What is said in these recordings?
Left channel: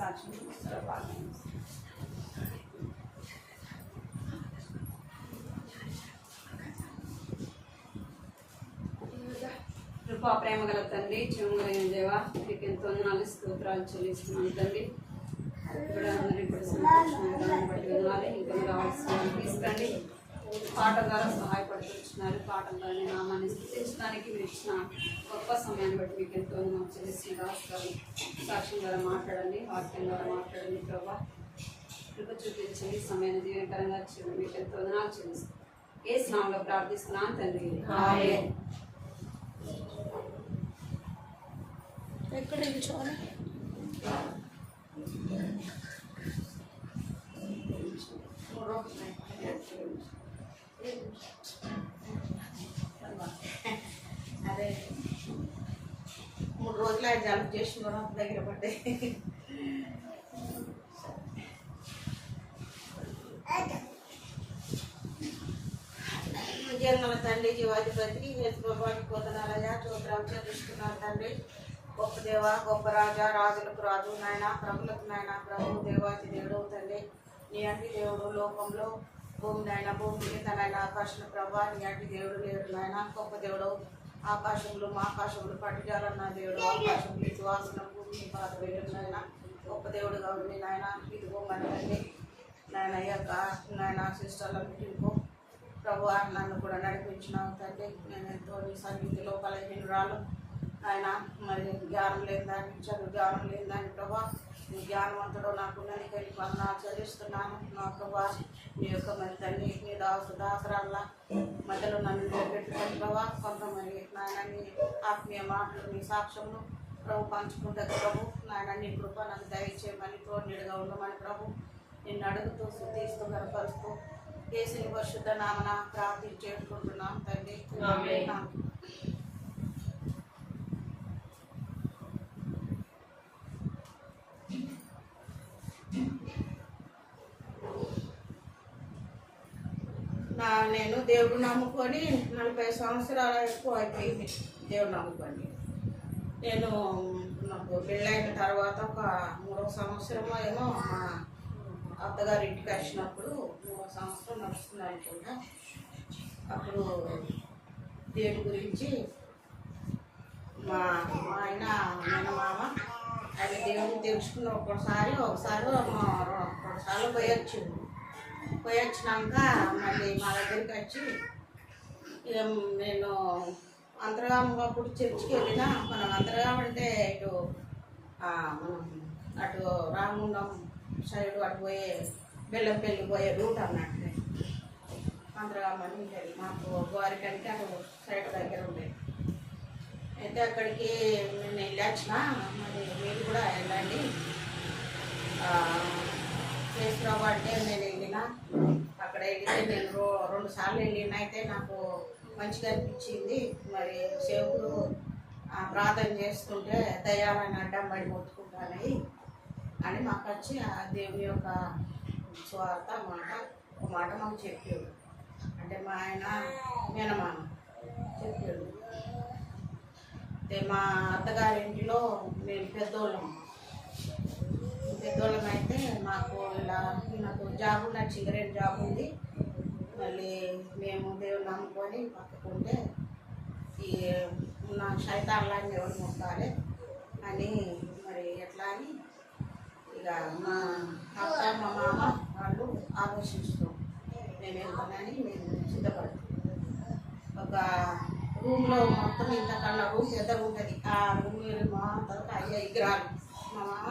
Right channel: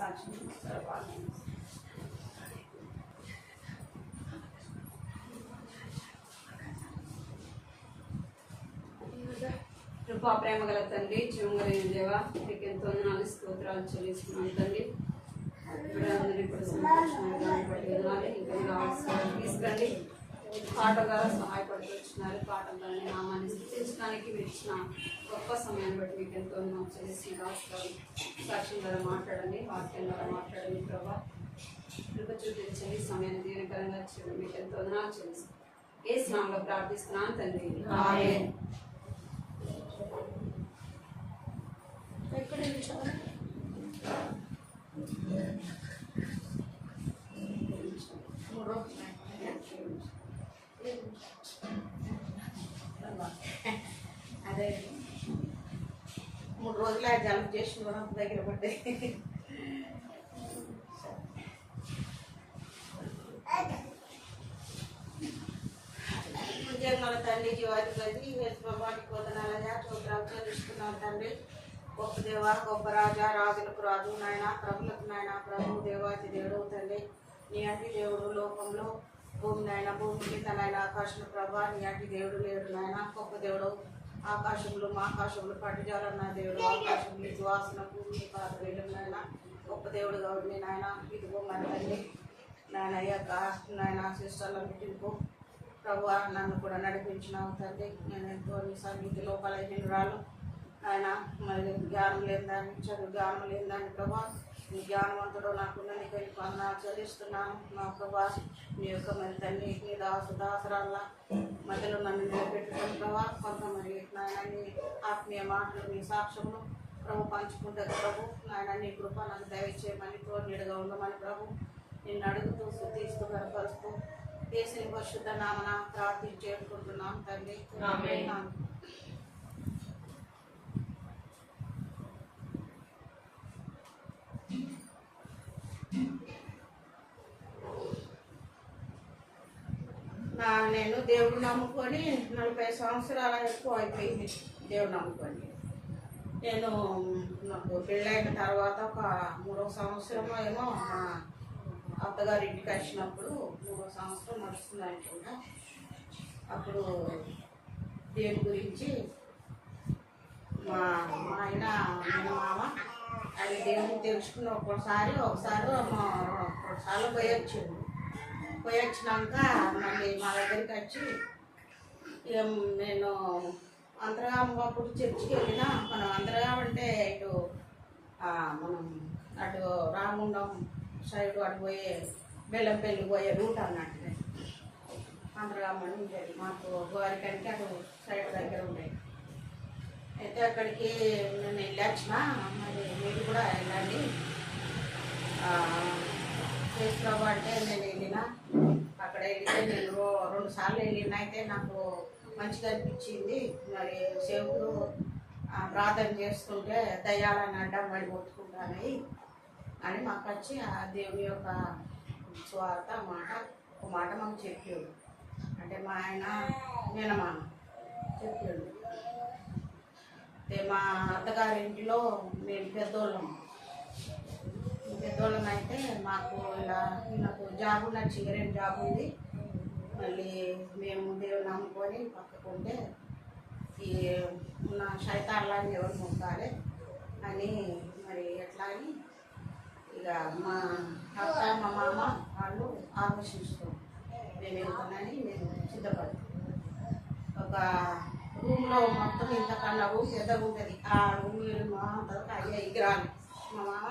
సాక్ష్యం కృపా ప్రేమ గల తండ్రి, జీవగలిగిన దేవ, మీకు ఎంతో వందనాలు స్తోత్రాలు చెల్లిస్తున్నాను తండ్రి. అందరూ ఇప్పుడు సంతోషంగా బట్టి వినాలి, ఇంకా కావాల్సిన తీసుకురండి. పాట ద్వారా సహాయపడుతున్నారు. పాటల ద్వారా నామాన్ని స్థుతించడానికి మీరు ఇచ్చిన గొప్ప సమయాన్ని బట్టి మీకు ఎంతో వందనాలు చెల్లిస్తున్న రాష్ట్రాలు సాక్ష్యం ద్వారా మాట్లాడండి, వాక్యం ద్వారా మాట్లాడండి. ప్రభా కృప చూపించండి, సమయాన్ని దీవెనకరంగా చేయడం మీకు ఎంతో వందనాలు చెల్లిస్తాను. ఏ స్నామంలో ప్రార్థిస్తున్నాను తండ్రి. ఆమేన్. ఎక్కడ నిల్చోవాలి? అదే 3 రోజులు జలుబు చేసి కూడా దగ్గర పడ్డాయి. మన తండ్రి జీవాధిపతి యేసుప్రభుని పొందనాలయ్యా, స్తోత్రాలు చెల్లిస్తున్నాను తండ్రి. గొప్ప దేవ, గొప్ప రాజా, రాజులకు రాజు నాయన, ప్రభులకు నాయన, ప్రభు దేవాది దేవుడు తండ్రి. నీ అంటి దేవుడు లోకంలో భూమి నాయన, భూమి కింద నాయన, ఆకాశం ప్రభా, నీ అంటి దేవుడు లేడు నాయన. గొప్ప దేవుడు, ఆకాశంలో మా ఆకాశంలో పట్టిజాలన్న దేవుడు, ఆకాశంలో విశ్వాసన భూమి పాత వేయడం నాయన. గొప్ప దేవుడుగా ఉంది నాయన. ఇదిగో మన తండ్రి నాయన, యొక్క నాయన సిస్టర్ల మీటింగ్కు ప్రభు నన్ను కూడా నడిపించినావు తండ్రి. నేను ఎంతో నీ సన్నిధి లోపల రాను ఆయన. మరి జ్ఞానం లేని దాన్ని, చదువు జ్ఞానం లేని దాన్ని ప్రభా, నీ జ్ఞానవంతుడు నాకు నీకు వెళ్ళి పనులు చెల్లిస్తున్నాను నా ప్రభా. నీ యొక్క మరి తండ్రి నీ దాసరాల మధ్యలో నన్ను నిలబెట్టుకొని ప్రభా, కొంతమంది నాయన నీ ఆత్మీయ మాటలు, నీ సాక్ష్యములు ప్రభు పంచుకుంటే ప్రభు నాయన, నీ కృప నాకు దయచేయమని, తోడుగా ఉండమని ప్రభు నిన్ను అడుగుతూ స్తుతిస్తూ గనపరుస్తూ దేశం పరిశుద్ధ నామన ప్రార్థించేసుకుంటున్నాం తండ్రి. నేను దేవుడు నమ్ముకొని 40 సంవత్సరాల ఎక్కువ అయిపోయింది. దేవుడు నమ్ముకొని నేను నాకు పెళ్ళైన తర్వాత ఒక 3వ సంవత్సరమో ఏమో మా అత్తగారి ఇంటికి వచ్చినప్పుడు 3వ సంవత్సరం నడుస్తుంది అనుకుంటా. అప్పుడు దేవుడి గురించి మా ఆయన మామ ఆయన దేవుడిని తెలుసుకున్న ఒకసారి పోయొచ్చినాక మళ్ళీ మా దగ్గరికి వచ్చి నేను అంతర్గామ అప్పుడు చర్చికి వెళ్ళినా. మనం అంతర్గామ అంటే ఇటు మనం అటు రాముండం సైడ్ అటు పోయే బెల్లంపల్లి పోయే రూట్ అన్నట్టు అంతర్గామ అని ఉంటుంది. మాకు గోరికంటే అటు సైడ్ దగ్గర ఉంటాయి. అయితే అక్కడికి నేను వెళ్ళొచ్చిన. మరి మీరు కూడా వెళ్ళండి చేసినావు అంటే నేను వెళ్ళిన. అక్కడ వెళ్తే నేను 2 సార్లు వెళ్ళిన. అయితే నాకు మంచిగా అనిపించింది. మరి సేవకులు ప్రార్థన చేస్తుంటే దయ్యాలని అడ్డం పడి కొట్టుకుంటానని అని మాకు వచ్చి ఆ దేవుని యొక్క స్వార్థ ఒక మాట మాకు చెప్పాడు. అంటే మా ఆయన మేనమామ చెప్పాడు. మా అత్తగారి ఇంటిలో మేము పెద్దోళ్ళం అయితే మాకు ఇలా నాకు జాబ్ ఉన్న చింగరేణి జాబ్ ఉంది. మళ్ళీ మేము దేవుని నమ్ముకొని పక్కకుంటే ఈ ఉన్న శైతాన్లాన్ని ఎవరు మొక్కాలి అని మరి ఎట్లా అని ఇక మా అత్త మా మామ వాళ్ళు ఆలోచిస్తాం. నేను వెళ్తానని మేము సిద్ధపడతాం. ఒక రూమ్లో మొత్తం ఇంతకన్నా రూమ్ ఎదురు ఉంటుంది. ఆ రూమ్ మా తర్వాత 5 విగ్రహాలు. మా మామ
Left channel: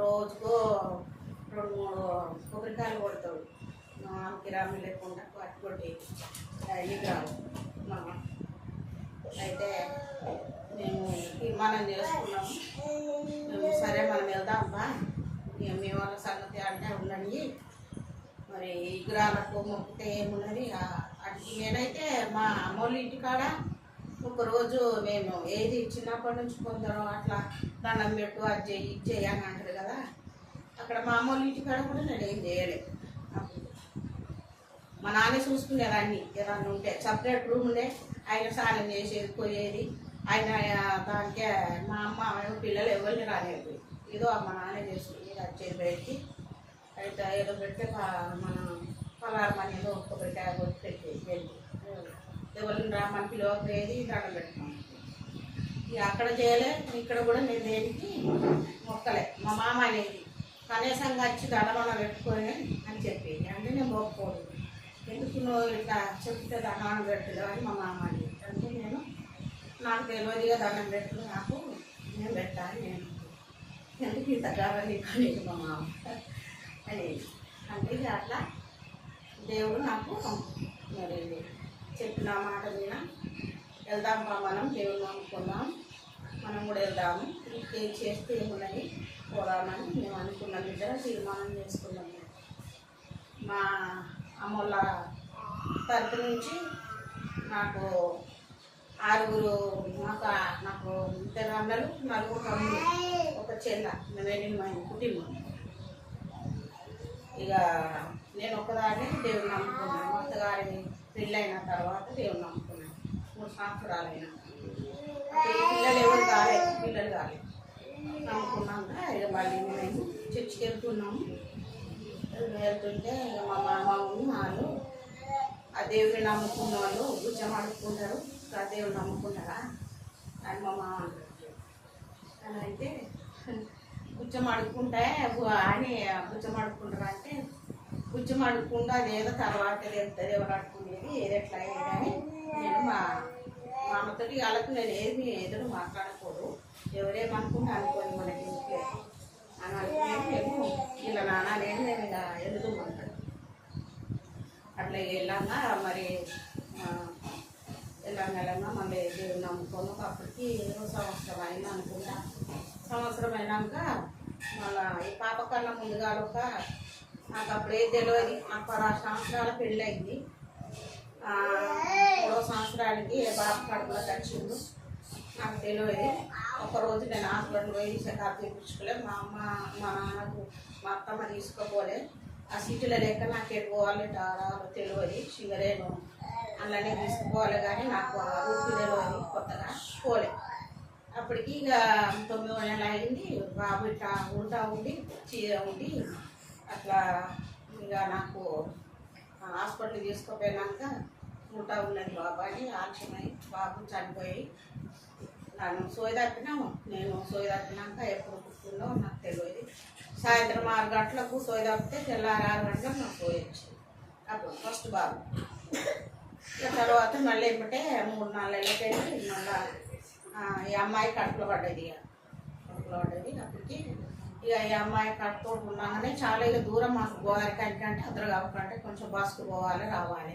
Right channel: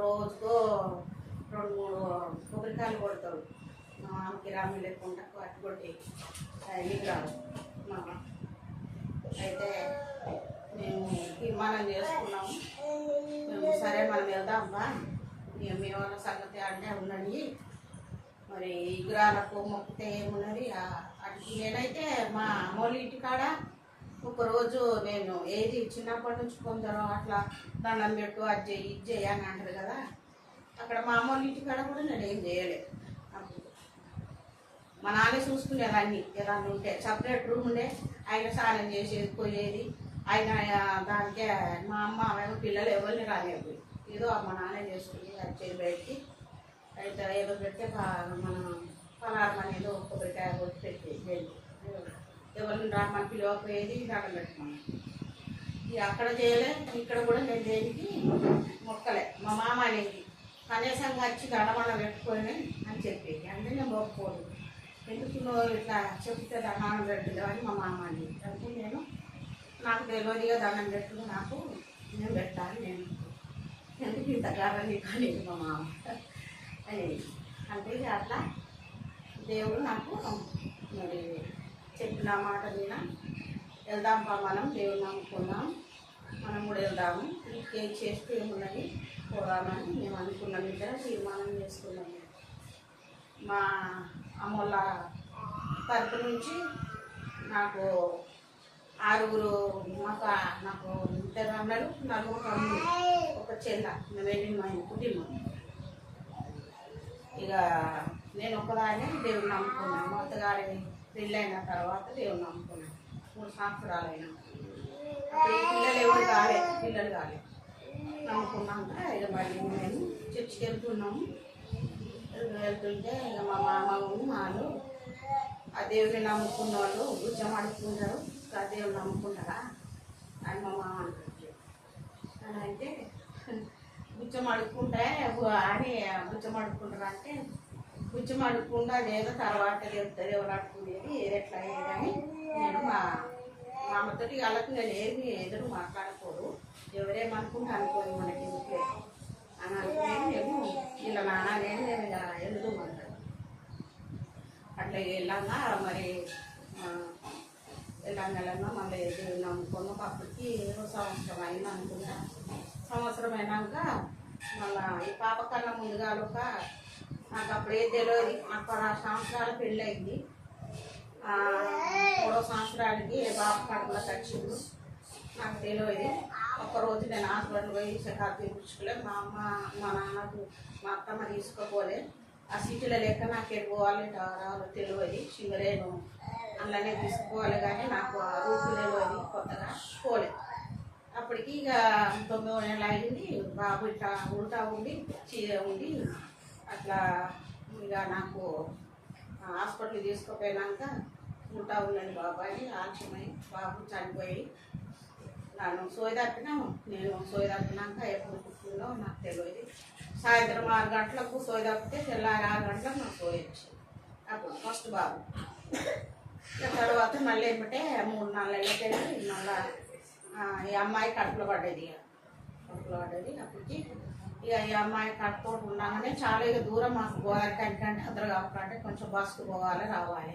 రోజుకో 2-3 కొబ్బరికాయలు కొడతాడు. మా మామకి రామి లేకుండా పట్టు కొట్టి విగ్రహాలు మామ. అయితే మేము తీర్మానం చేసుకున్నాము. మేము సరే మనం వెళ్దామా, మీ వాళ్ళ సంగతి అంటే ఉన్నది. మరి విగ్రహాలకు మొక్కితే ఏమున్నది అటు. నేనైతే మా అమ్మోళ్ళ ఇంటికాడ ఒకరోజు నేను ఏది చిన్నప్పటి నుంచి కొందరు అట్లా దండం పెట్టు అది చేయి ఇది చేయి అని అంటారు కదా. అక్కడ మా అమ్మోళ్ళ ఇంటికాడ కూడా నేను ఏం చేయలేదు. అప్పుడు మా నాన్న చూసుకునేది అన్నీ ఏదన్నా ఉంటే. సపరేట్ రూమ్ ఉండే, ఆయన స్నానం చేసేది పోయేది. ఆయన దానికే మా అమ్మ పిల్లలు ఎవరిని రానివ్వదు. ఏదో మా నాన్న చేస్తుంది వచ్చేది బయటికి అయితే ఏదో పెడితే మన పలారమని ఏదో కొబ్బరికాయ కొట్టి పెట్టి ఎవరిని మన పిలవకపోయేది దండం పెట్టుకున్నాం. ఇక అక్కడ చేయలే, ఇక్కడ కూడా నేను దేనికి మొక్కలే. మా మామ అనేది కనీసంగా వచ్చి దండమన్న పెట్టుకొని అని చెప్పేది. అంటే నేను మొక్కపోదు, ఎందుకు నువ్వు ఇట్లా చెప్తే దండం పెట్టలేదు అని మా మామ అనేది. అంటే నేను నాకు తెలియదుగా దండం పెట్టుకుని నాకు నేను పెట్టాలి, నేను ఎందుకు ఇంత గారని కాలేదు మా మామ అనేది. అంటే ఇక అట్లా దేవుడు నాకు మరి చెప్పిన మాట మీద వెళ్దాం మనం దేవుడు నమ్ముకున్నాం, మనం కూడా వెళ్దాము, ఏం చేస్తే ఏమున్నది పోరామని మేము అనుకున్నాం. ఇద్దరు తీర్మానం చేసుకున్నాము. మా అమ్మోళ్ళ తరపు నుంచి నాకు 6 నాకు 2 అన్నలు 4 తమ్ముళ్ళు, ఒక చెల్ల. మేము వెళ్ళిన మా కుటుంబం. ఇక నేను ఒకదాన్ని దేవుడు నమ్ముకున్నాను. మా అత్తగారి పెళ్ళైన తర్వాత దేవుడు నమ్ముకున్నాను. 3 సంవత్సరాలైనా అప్పుడు పిల్లలు ఎవరు కాలేదు, పిల్లలు కాలేదు. నమ్ముకున్నాక ఇక మళ్ళీ మేము చర్చికి వెళ్తున్నాము. వెళ్తుంటే ఇక మా మామ వాళ్ళు ఆ దేవుడిని నమ్ముకున్న వాళ్ళు గుజ్జం అడుక్కుంటారు, ఆ దేవుడు నమ్ముకుంటారా అని మా మామ అంటారు. అని అయితే గుజ్జం అడుక్కుంటే అని గుజ్జం అడుక్కుంటారా అంటే గుజ్జం అడుక్కుండా అదేదో తర్వాత చెప్తుంది ఎవరు అడుక్కునేది ఏది ఎట్లా అయ్యేదని నేను మా అమ్మతోటి వాళ్ళకి నేను ఏమి ఎదురు మాట్లాడకూడదు, ఎవరేమనుకుంటే అనుకోని మనకి ఎందుకే అని అనుకుని మేము ఇలా నాన్న నేను మేము ఇలా ఎదుగుమంటాడు. అట్లా వెళ్ళాగా మరి వెళ్ళంగా మళ్ళీ దేవుడు నమ్ముకొని అప్పటికి ఏదో సంవత్సరం అయింది అనుకుంటా. సంవత్సరం అయినాక మళ్ళీ ఈ పాప కన్నా ముందుగా నాకు అప్పుడు ఏది తెలియదు. నాకు 16 సంవత్సరాల పెళ్ళి అయింది. 3వ సంవత్సరానికి బాబు కడుపులోకి వచ్చిండు. నాకు తెలియదు. ఒకరోజు నేను హాస్పిటల్ పోయి చెకప్ తీపించుకోలేదు. మా అమ్మ మా నాన్నకు మా అత్తమ్మ తీసుకోపోలే. ఆ సిటీలో లెక్క నాకు వెళ్ళిపోవాలి రావాలో తెలియదు. షుగరేను అలానే తీసుకుపోవాలి కానీ నాకు ఆ రూపు తెలియదు, కొత్తగా పోలే. అప్పటికి ఇక 9వ నెల అయింది. బాబు ఇట్లా ఉంటా ఉండి చీర ఉండి అట్లా ఇక నాకు హాస్పిటల్ తీసుకుపోయినాక ఉంటా ఉన్నది బాబాని ఆలస్యమై బాబు చనిపోయి నన్ను సోయి తప్పినాము. నేను సోయి తప్పినాక ఎప్పుడు పుట్టిందో నాకు తెలియదు. సాయంత్రం 6 గంటలకు సోయి తప్పితే తెల్లారి 6 గంటలకు నాకు సోయి వచ్చింది. అప్పుడు ఫస్ట్ బాబు. తర్వాత మళ్ళీ ఏమిటే 3-4 నెలలకి వెళ్ళి మళ్ళీ ఈ అమ్మాయి కడుపులో పడ్డది. అప్పటికి ఇక ఈ అమ్మాయి కట్టుకోవడం ఉండగానే చాలా ఇక దూరం మాకు గోదావరి అంటే అందరు కావాలంటే కొంచెం బస్సుకు పోవాలి రావాలి.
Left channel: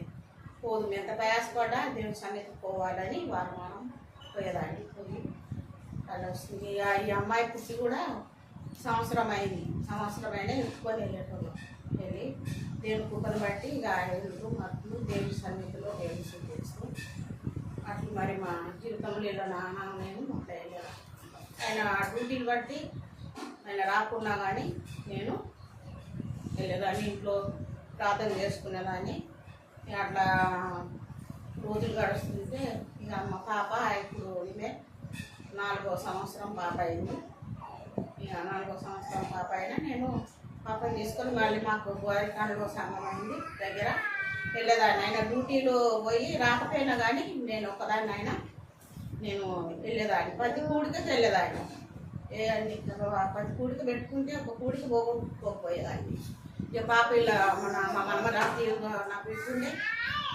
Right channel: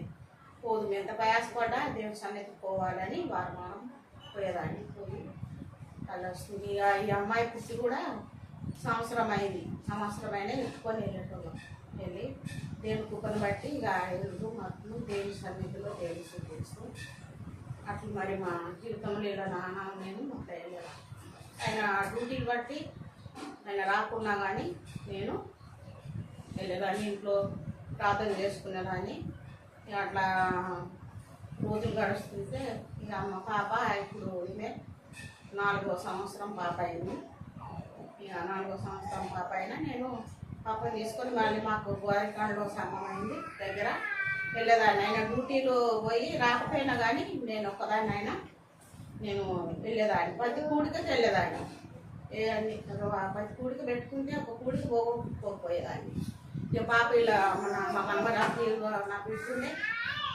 పోదు ఎంత ప్రయాసపడ్డా దేవుడి సన్నిధికి పోవాలని వారం పోయేదాన్ని. పోయి అలా వస్తుంది. ఇక ఈ అమ్మాయి పుట్టి కూడా సంవత్సరం అయినా ఎత్తుకొని వెళ్ళేటోళ్ళు. వెళ్ళి దేవుడి కుప్పని బట్టి ఇక 5 మట్లు దేవుడి సన్నిధిలో దేవుడి చూపిస్తూ అట్లా మరి మా జీవితంలో ఇలా నాన్న నేను అట్లా వెళ్ళాను. ఆయన డ్యూటీని బట్టి ఆయన రాకున్నా కానీ నేను వెళ్ళేదాన్ని, ఇంట్లో ప్రార్థన చేసుకునేదాన్ని. అట్లా రోజులు గడుస్తుంటే ఇక మా పాప ఇప్పుడు ఈమె 4వ సంవత్సరం పాప అయింది. ఇక 4వ సంవత్సరం పాప అయినా నేను పాపను తీసుకొని మళ్ళీ మాకు గోదావరిలో సంఘం అయింది దగ్గర వెళ్ళేదాన్ని. ఆయన డ్యూటీలో పోయి రాకపోయినా కానీ నేను ఒక్కదాన్ని అయినా నేను వెళ్ళేదాన్ని. ప్రతి కూడికి వెళ్ళేదాన్ని. ప్రతి కూడికి పెట్టుకుంటే ఒక కూడికి పోకపోయేదాన్ని. ఇక పాప ఇలా మా మనమరాకి నాకు ఇస్తుండే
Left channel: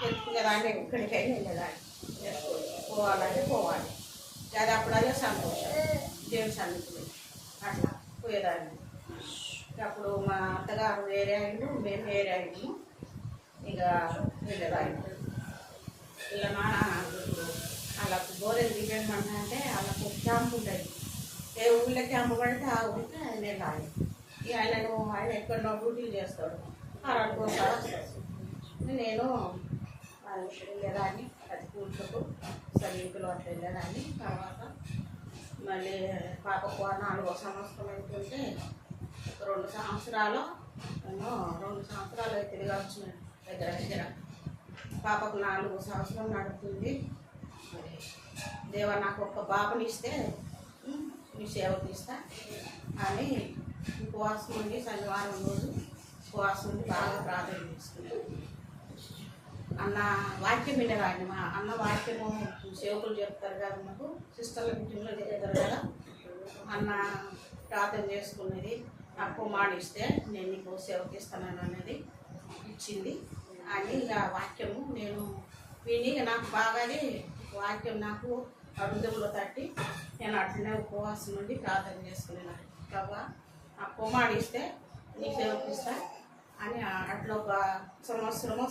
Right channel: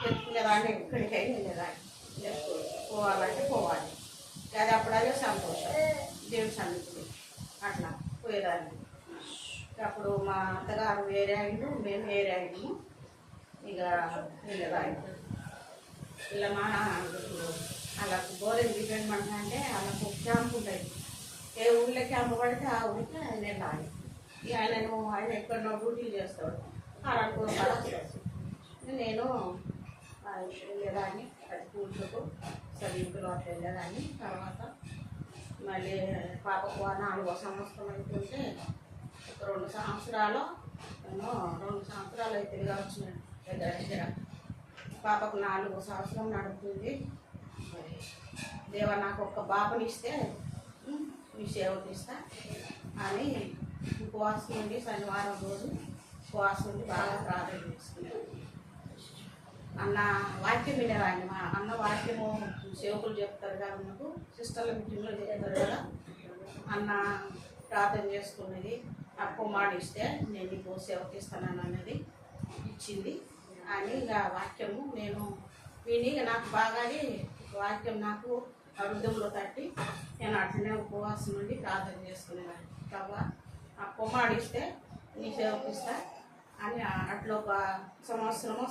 పెట్టుకునేదాన్ని. ఎక్కడికైనా వెళ్ళేదాన్ని. పోవాలంటే పోవాలి. అది అప్పుడల్లా సంతోషం దేవుని సన్నిధిలో అట్లా పోయేదాన్ని. అప్పుడు మా అత్తగారు వేరే అయిండు, మేము వేరే అయిండు. ఇక వెళ్ళేదాన్ని. ఇలా నాన్న వాళ్ళకు బోరెంజ్ రిటైర్మెంట్ అంటే వాళ్ళకు క్యాంప్ ఉంటుంది. ఏ ఊళ్ళో క్యాంపు పడితే ఆ ఊరికి ఆయన వెళ్ళాలి. ఇక ఆయన ఎక్కడో డ్యూటీలు చేస్తాడు. అరకు నేను వెళ్ళేదాన్ని. అది కూర్చుకు సరిగ్గులు అట్లా వెళ్ళేదాన్ని. తర్వాత మళ్ళీ పాపకు 4వ సంవత్సరం అనుకుంటే 2 సంవత్సరాలు నేను 2 సంవత్సరాలు తిరిగా వచ్చిన దగ్గర పాపకు 4వ సంవత్సరం నడుపుతుంది. దేవ నాకు ఒక్క బాబుని ఇస్తే మీ సేవ తీస్తా అని ఉపవాసం ఉండి శనివారం రోజు ఉపవాసం ఉండి బాగా ప్రార్థన చేసుకున్నాను. అన్న వాక్యం వినేవాడిని. మా అన్న వాక్యము సేవకులు చెప్తారు కదా, మనకు సిస్టర్ల మీటింగ్లో చెప్తారు కదా. అన్న ప్రార్థన చేసుకున్నది, నాకు మాడిస్తే నేను నీకు సేవకి ఇస్తానని అన్నది ఇచ్చింది అని ఇక వాక్యము నేను విని నాకు బాగానే వాక్యం నాకు హృదయంలో తట్టి నేను అట్లనే ఉపవాసం నుండి ప్రార్థన చేసుకునేదాన్ని. కాబట్టి ఆ కుమారుడిస్తే నీ సేవకి ఇస్తా అని అట్లా ఒక సంవత్సరమో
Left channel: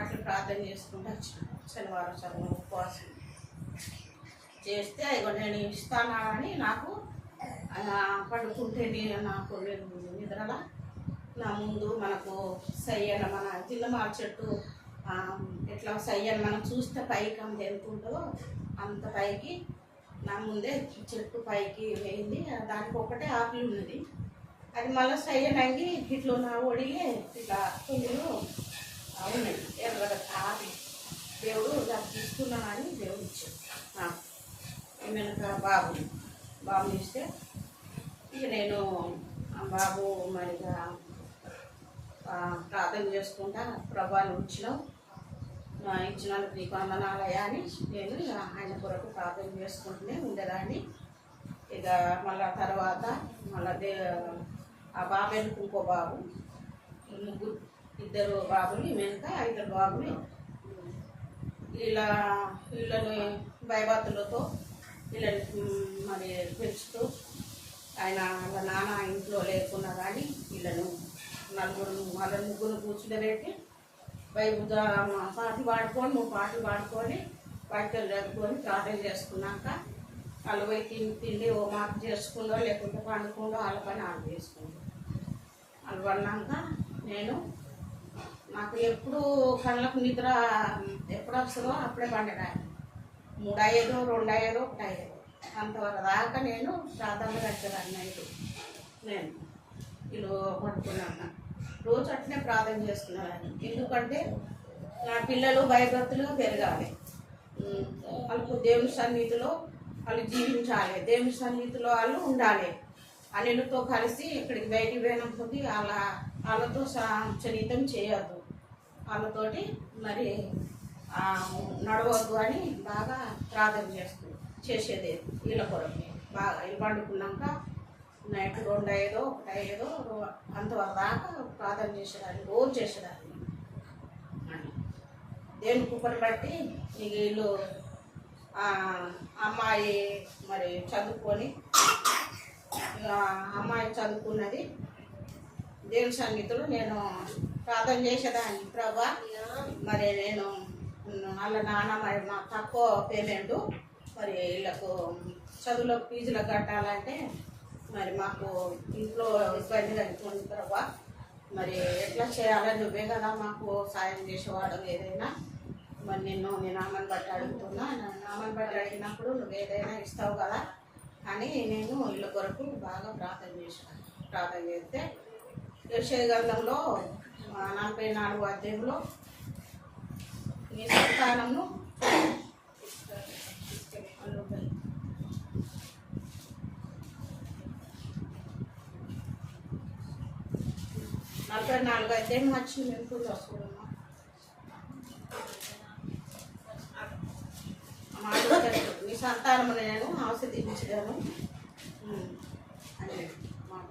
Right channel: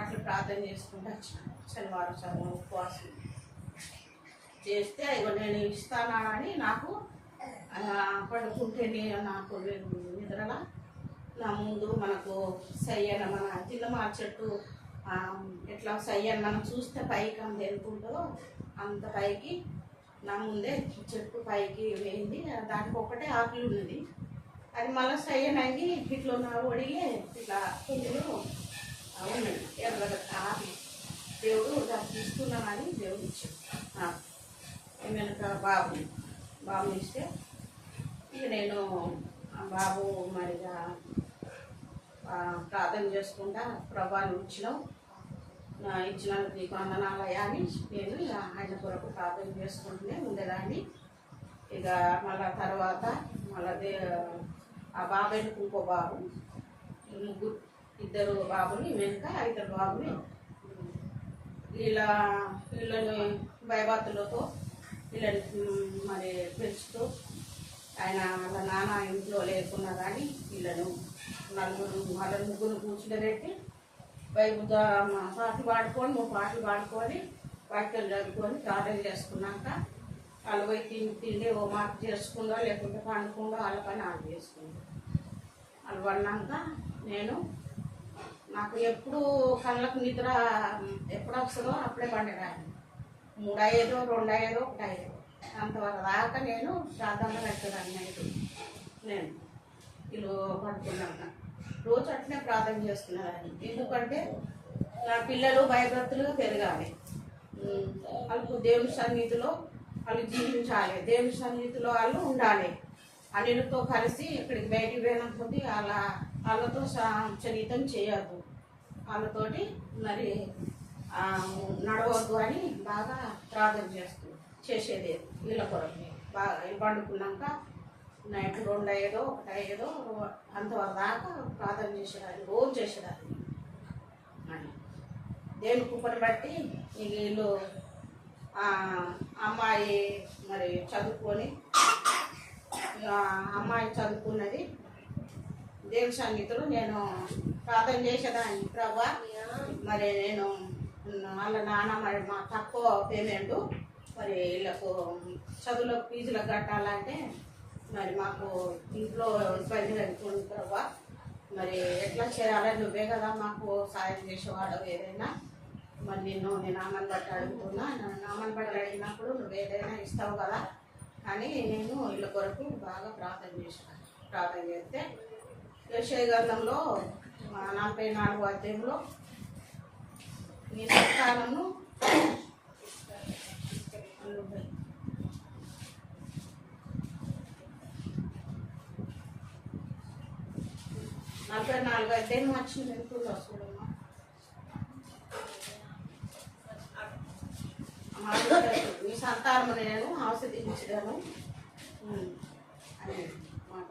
అట్లా ప్రార్థన చేసుకుంటూ వచ్చినాను. శనివారం ఉపవాసం చేస్తే ఇగో నేను ఇస్తానా అని నాకు పడుకుంటే నాకు నిద్రలా నా ముందు మనకు సయ్యన్న మన జిల్లమార చెట్టు ఎట్లా సయ్యన్న మనం చూస్తే పైకి అంత ఎంత ఉంటుందో అంత పైకి నా ముందే చెట్టు పైకి వేయింది. దానికి ఒకటే ఆకులు ఉన్నది. అది మళ్ళీ సయ్యనంగి ఇట్లా నా ఒడిగి ఇట్లా పువ్వులు ఉన్నాయి ఎర్రగడ్డ ఆకులు. దేవుడు దాన్ని తీసుకున్నామని దేవుడు ఇచ్చాడు. వెనుక బాబుని ఇస్తే ఇక నేను బాబు మరిగా ప్రార్థన చేసుకుంటా ప్రభా నువ్వు ఇచ్చినందుకు నీకు వందనాలయ్యా అని నేను ఇక ఆయన కొరకు ప్రార్థన చేసుకుంటూనే ఉండేదాన్ని. ఇక మళ్ళా తర్వాత మళ్ళీ ఆ బాబు వెనుక ఇంకో బాబు, ఇద్దరు బాబుని వెనుక 5 బాబుని వీళ్ళని భయభక్తులతో వీళ్ళని మరి పెంచుతూ ఆయన వాళ్ళ నాన్న ఇంట్లో లేకున్నా కానీ వీళ్ళను వాళ్ళ ముగ్గురు కూర్చుండబెట్టి బైబుల్ పాటలు పాడుకొని 3 పాటలు పాడుకొని వాక్యాలు జరుపుకొని ప్రార్థన చేసుకున్నాక వాళ్ళు పోయి తిండి ఓ మాట చేసుకుందో లేకుంటే పండుకుందో వాళ్ళ పని వాళ్ళు చేసుకుందో. వాళ్ళు పడినాక నాకు ఎప్పుడు కళ్ళకు నిద్ర ఎప్పుడు వస్తుందో అప్పుడే పండేదాన్ని. 3 అయ్యేదో 2 అయ్యేదో 1 అయ్యేదో అంతవరకు దాకా నేను ప్రార్థనలో పెట్టేదాన్ని. నైట్ నేను వీళ్ళు పట్టుకున్నాక రోజు అట్లనే ప్రార్థన చేసుకున్నాను. ఎందుకంటే నా పిల్లలు భయభక్తులుగా పెరగాలి, వాళ్ళకు దేవుని సన్నిధిలో వాళ్ళు జీవించాలి, దేవుని సన్నిధిలో వాళ్ళు ఉండాలి. అన్నిటితో కలిసి ఇక్కడికి బయటికి పోయినప్పుడు వాళ్ళతో చరితం చేయొద్దు, వాళ్ళతోటి మరి నడవద్దు అని బాగా ప్రార్థన చేసేది. వీళ్ళ కొరకు బాగా వీళ్ళు పండుకున్నాక నైట్ 2 అయ్యేదో 1 అయ్యేదో అంతవరకు దాకా ప్రార్థన చేసేదాన్ని, రోజు చేసేదాన్ని. దేవుని కుప్పని బట్టి ఇక వీళ్ళు అమ్మాయి మరి చదువుకొని అమ్మాయి చదువుకున్నది. దేవుని సన్నిధిలో నేను ప్రార్థన చేసేదాన్ని. ప్రభా మరి నేను వాళ్ళ నాన్న మరి మా తక్కువ పేమెంటు మరి వీళ్ళకు చదువులో ఫీజులకు కట్టాలంటే మరి మాకు ఇంట్లో ఇబ్బంది కలుగుతుంది ప్రభా, మరి ఎట్లా చేయాలని నువ్వే కదా మాకు సాయం చేసేవాడు. ఏదైనా మరి నేను నామని బట్టి అడుగుతున్నా, నామని బట్టి అడిగినప్పుడు నువ్వు ఏదైనా ఇస్తావు కదా అని నేను వీళ్ళ కొరకు బాగా ప్రార్థన చేశాను. ప్రార్థన చేస్తే యెషయా గ్రంథంలో 44వ అధ్యాయంలో నీ సంతానమును 44వ అధ్యాయం వచ్చింది. ఎప్పుడు వస్తుందమ్మా నీ సంతానము నేను ఆశీర్వదించను అని మాట.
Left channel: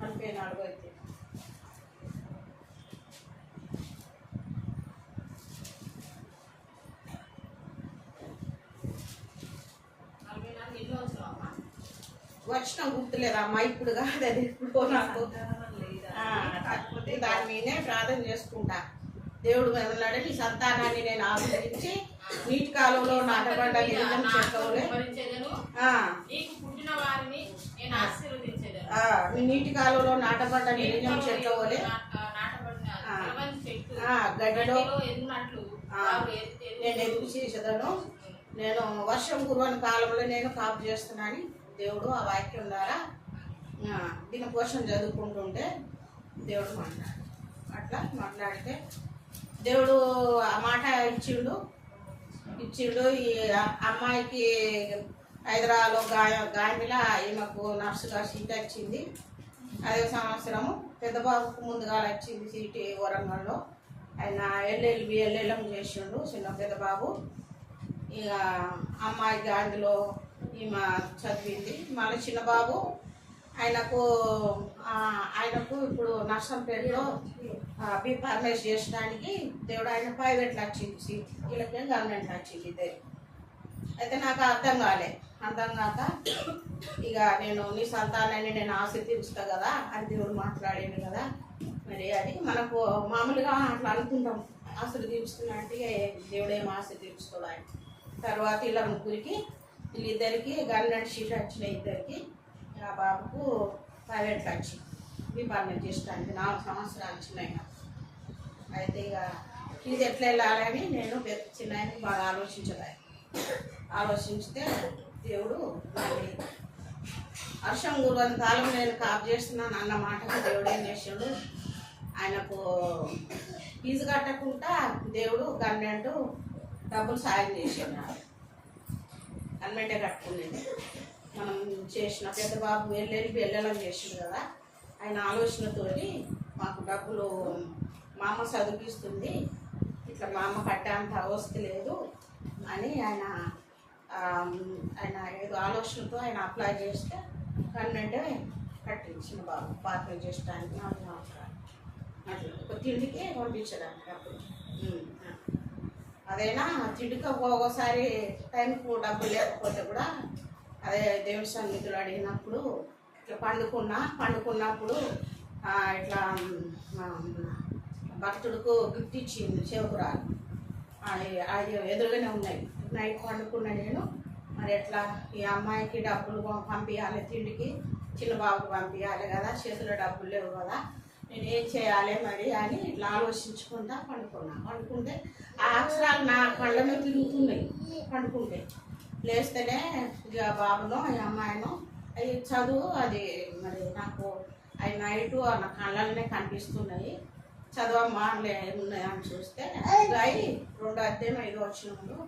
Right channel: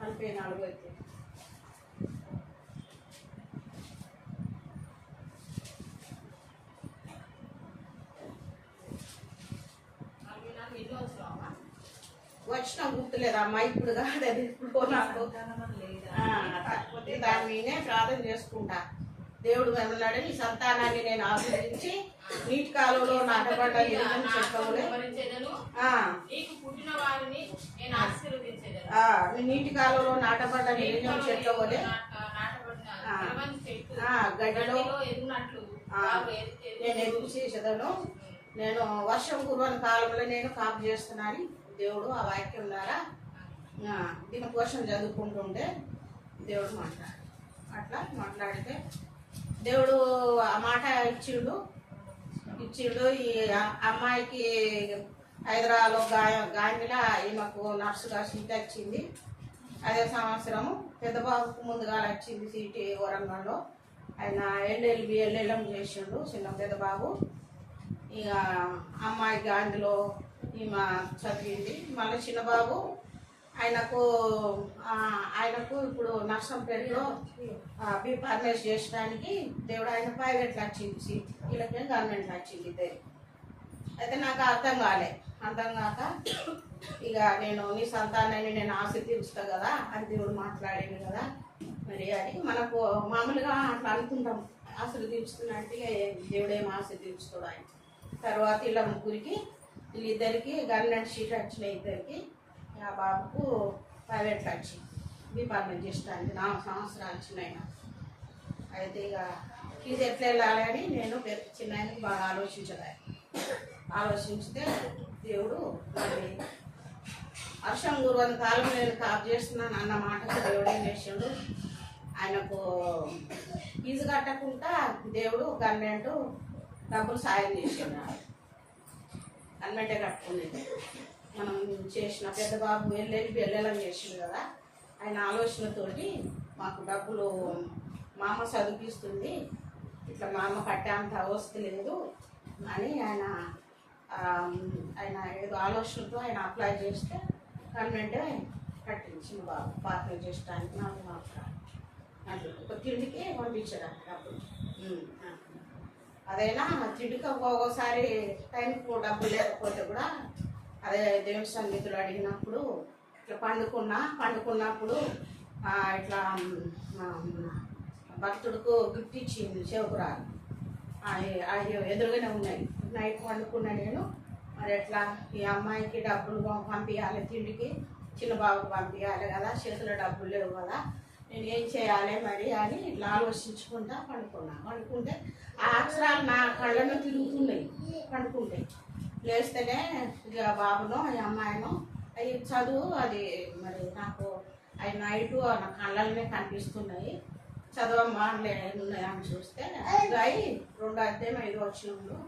44వ అధ్యాయం వచ్చిన గుర్తులేదమ్మా, ఇప్పుడు కాదు, అది ఇప్పుడు నాకు దాని మీదే ప్రార్థన చేసుకుంటా. దేవుడు ఏమన్నాడు, నీ సంతానాన్ని నేను ఆశీర్వదించి నీటి కాలంలో నాటబడ్డ గిరిజన చెట్లవలే నీటి కాలంలో నాటబడ్డ గిరిజన చెట్లవలే గడ్డలో నేను ఎదురు చేసేదను. నేను వర్షం కురవని కాలంలో నేను కాపు చేస్తున్నాను. దేవుడు ఆ వాక్యం ద్వారా దీని కోసం చదువుకుంటుంటే దేవుడు అట్లా మాట్లాడితే దేవుడు ఆ మాట ఇచ్చిండు. ఇచ్చిండు. ఈ అమ్మాయికి హైదరాబాద్లో గాంధీలో ఈమెకు నర్సుగా సీట్ వచ్చింది. అదే సంవత్సరము పెద్ద బాబుకు ముందుగా వచ్చింది సీట్ వరంగల్లో. ఆయన ఎల్ఎల్ఎం చేసిండు చిన్న పెద్ద బాబు. ఇక అమ్మాయికి అందులో ఈమె చదివింది. మళ్ళీ చిన్న బాబు ఆయనకు ఇప్పుడు నర్సంపేటలో బి ఫార్మసీ చేయడానికి దేవుడు ఆయన ప్రైవేట్లో వచ్చింది సీట్, వీళ్ళకే గవర్నమెంట్ వచ్చింది ఇద్దరు. అయితే నాకు అర్థం కాక ఇక నేను నీ సంతానాన్ని నేను ఆశ తీరుస్తా కదా అని దేవుడు మాట్లాడాను కదా. మరి అది మనకు మామూలుగా అట్లా అనుకుంటాం, ఆశలు తీర్చుకున్నట్టు దేవుడు ఏం ఆశ తీర్చుకోడు ఆయన. తర్వాత ఇలా ముగ్గురికి వీళ్ళిద్దరికి గవర్నమెంట్ సీట్ వచ్చినాయి ఇద్దరికి. ఆ బాబుకు ప్రైవేట్లో వచ్చి డిపార్ట్మెంట్ చేయడానికి 4 సంవత్సరాలు వచ్చినాయి. అయితే ఇక ఇది ఎట్లా వెళ్ళాలని నేను చిన్న ఆయనకి బాగా ఆలోచించితే దేవుడు మరి వర్షం గురువంత కాలం నేను కాపు చేస్తున్నాను అన్న మాటకు దేవుడు ఏం చేసాడు, ఆయనకు ఫీజు కట్టకుండా దేవుడు గవర్నమెంట్ డబ్బులు సాయం చేసాడు. గవర్నమెంటే కట్టుకునేది. మనం చేసిన పెద్ద బాబు వెళ్ళేలా చేసిండు కదా, ఆయన ఆలోచనతోటి మాకు డబ్బులు మా అమ్మ చదివిస్తుంది, ఇట్లా మా అమ్మ కట్టేంత అవస్థ లేదు అని ఆయన ఏదో ఆలోచనతో ఆయన అప్లై చేస్తే గవర్నమెంటే కట్టించిన బాబు పార్టీ చేయడానికి 4 సంవత్సరాలు అట్లా ఒక తిండికి పంపించడానికి డబ్బులు. అదైనా తిండికి ఒక్కోసారి టైంకు డబ్బులు లేకపోతే కూడా అదే దేవుని సన్నిధులు అడిగినప్పుడు ఇట్లా పండుకున్నప్పుడు ఇట్లా భక్తుడికి గిఫ్ట్ ఇచ్చింది చెవుకురాలు. అది ఎదురుగానే ఉన్నాయి. నైట్ పండుకున్నా నేను, మరి ఎట్లా ఈ అమ్మాయికి డబ్బులు పంపించాలి, తిండికి చిన్న బాబుకి పంపించాలి కదా, చేతిలో డబ్బులు లేవు కదా, నేను ఏం చేయాలి మరి అని ఇట్లా ఆలోచించుకుంటా పండుకుంటే ఆ అక్షరాలు నా కళ్ళలో తిరుగుతున్నాయి. పండుకుంటే లేస్తేనే ఇక బాబునో ఈ అమ్మాయినో అవి చదువు అది మరి నాకు అవి నైటు నా కళ్ళలోనే కనిపిస్తున్నాయి. చదవమ్మా ఉన్నాయి అని చూస్తే అబ్బాయి 2 అధ్యాయం 5 వచనంలో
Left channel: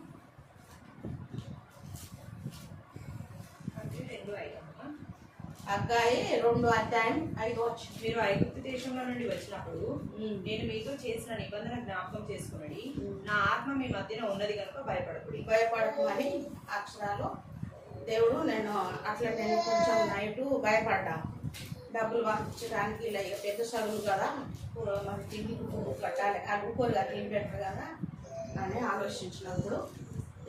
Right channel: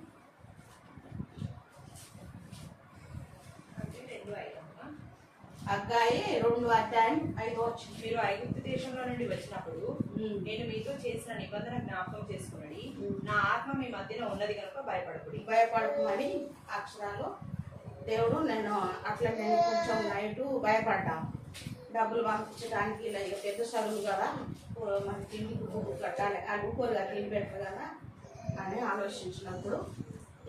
అగ్గాయి 2 అధ్యాయం 5 వచనం. మీరు ఐగుప్తు దేశంలో నుండి వచ్చినప్పుడు నేను మీతో చేసిన నిబంధన జ్ఞాపకం చేసుకున్నది, నా ఆత్మ మీ మధ్యన ఉన్నది కనుక భయపడకమని అక్షరాలు దేవుడు నేను కొంచెం నైటు భయపడ్డాను. డబ్బులు పంపించడానికి ఇలా ఇక పెద్ద చదువులు కదా, మరి తిండి కట్టాలి, ఆ ఊకోరుగా తిండి పెట్టరు కదా అని ఆలోచించినప్పుడు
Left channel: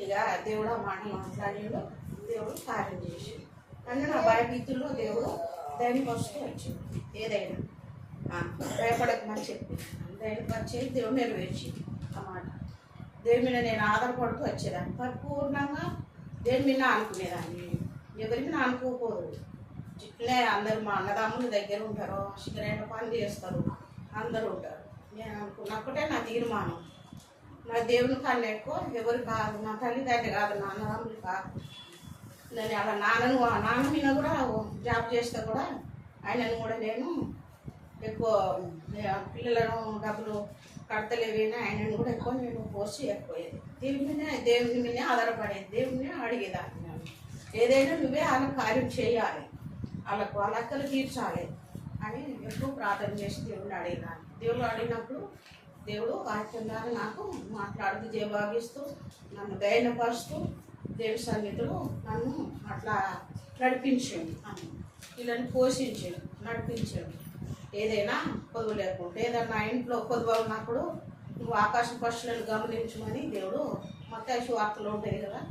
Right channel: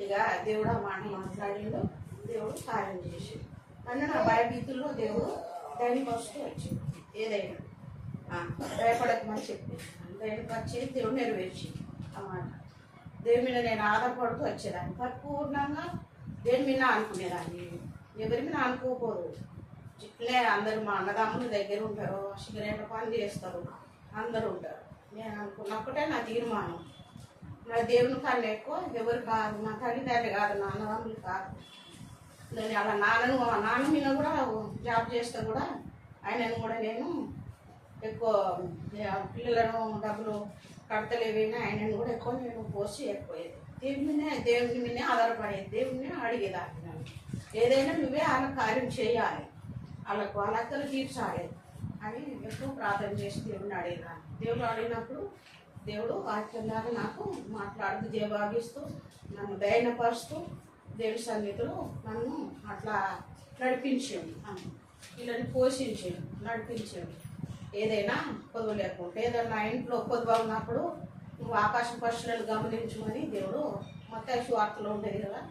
ఇక దేవుడు ఆ మాట మాట్లాడిండు. దేవుడు కార్యం చేసిండు. కానీ నా భయభీతుల్లో దేవుడు ధైర్యపరుస్తూ వచ్చింది. ఏదైనా భయపడకమని చెప్పి ధైర్యం వచ్చి దేవుడు నెరవేర్చింది ఆ మాట. దేవుని మీద నేను ఆధారపడుతూ వచ్చేదాన్ని, పరిపూర్ణంగా దేని మీద అనుకునేదాన్ని, ఎవరి మీద అనుకోకూడదు. ఇట్లే అందరు మా అన్నదమ్ముల దగ్గర ఉంటారు, శిఖరైన పని చేస్తారు, అందరూ ఉంటారు. నేను అనుకున్నప్పుడే నా తీర్మానం, నా దేవుని కన్నా ఎక్కువ ఎవరు కాదు, నా తల్లిదండ్రి కాదు, నా అన్నదమ్ములు కాదు. నేను అలా నాన్న మీద కూడా జాబ్ చేస్తే కూడా ఆయనను కూడా నేను ఎక్కువ పిల్లలను డబ్బులు కడతలేవేనా ఆయనను కూడా ఎక్కువ నేను పోసి ఎక్కువయ్యేది. దేవుని మీదే ఆధారపడేది, దేవుని అడిగేదాన్ని. నేను ఏదైనా నువ్వే వాళ్ళ కార్యం చేయాలి, వాళ్ళ అక్కలు తీర్చాలి అని ఎప్పుడు ప్రార్థన చేసి దేవుడిని అడిగేదాన్ని. దేవుడు అడిగినప్పుడు దేవుడు వాక్యంగా నాకు మాట్లాడుతూ జవాబిస్తూ నన్ను ధైర్యపరుస్తూ దేవుని సన్నిధిలో నన్ను అట్లా నడిపించాడు. వీళ్ళని పోషించాడు, నడిపించాడు. ఏదైనా పొదువు లేకుంటే ఏదైనా ఇంట్లో పొదువు ఉన్నప్పుడు నువ్వు ఆకాశం పక్షులను గమనించమని దేవుడు మత్తయి సువార్తలో ఉంటుంది కదా,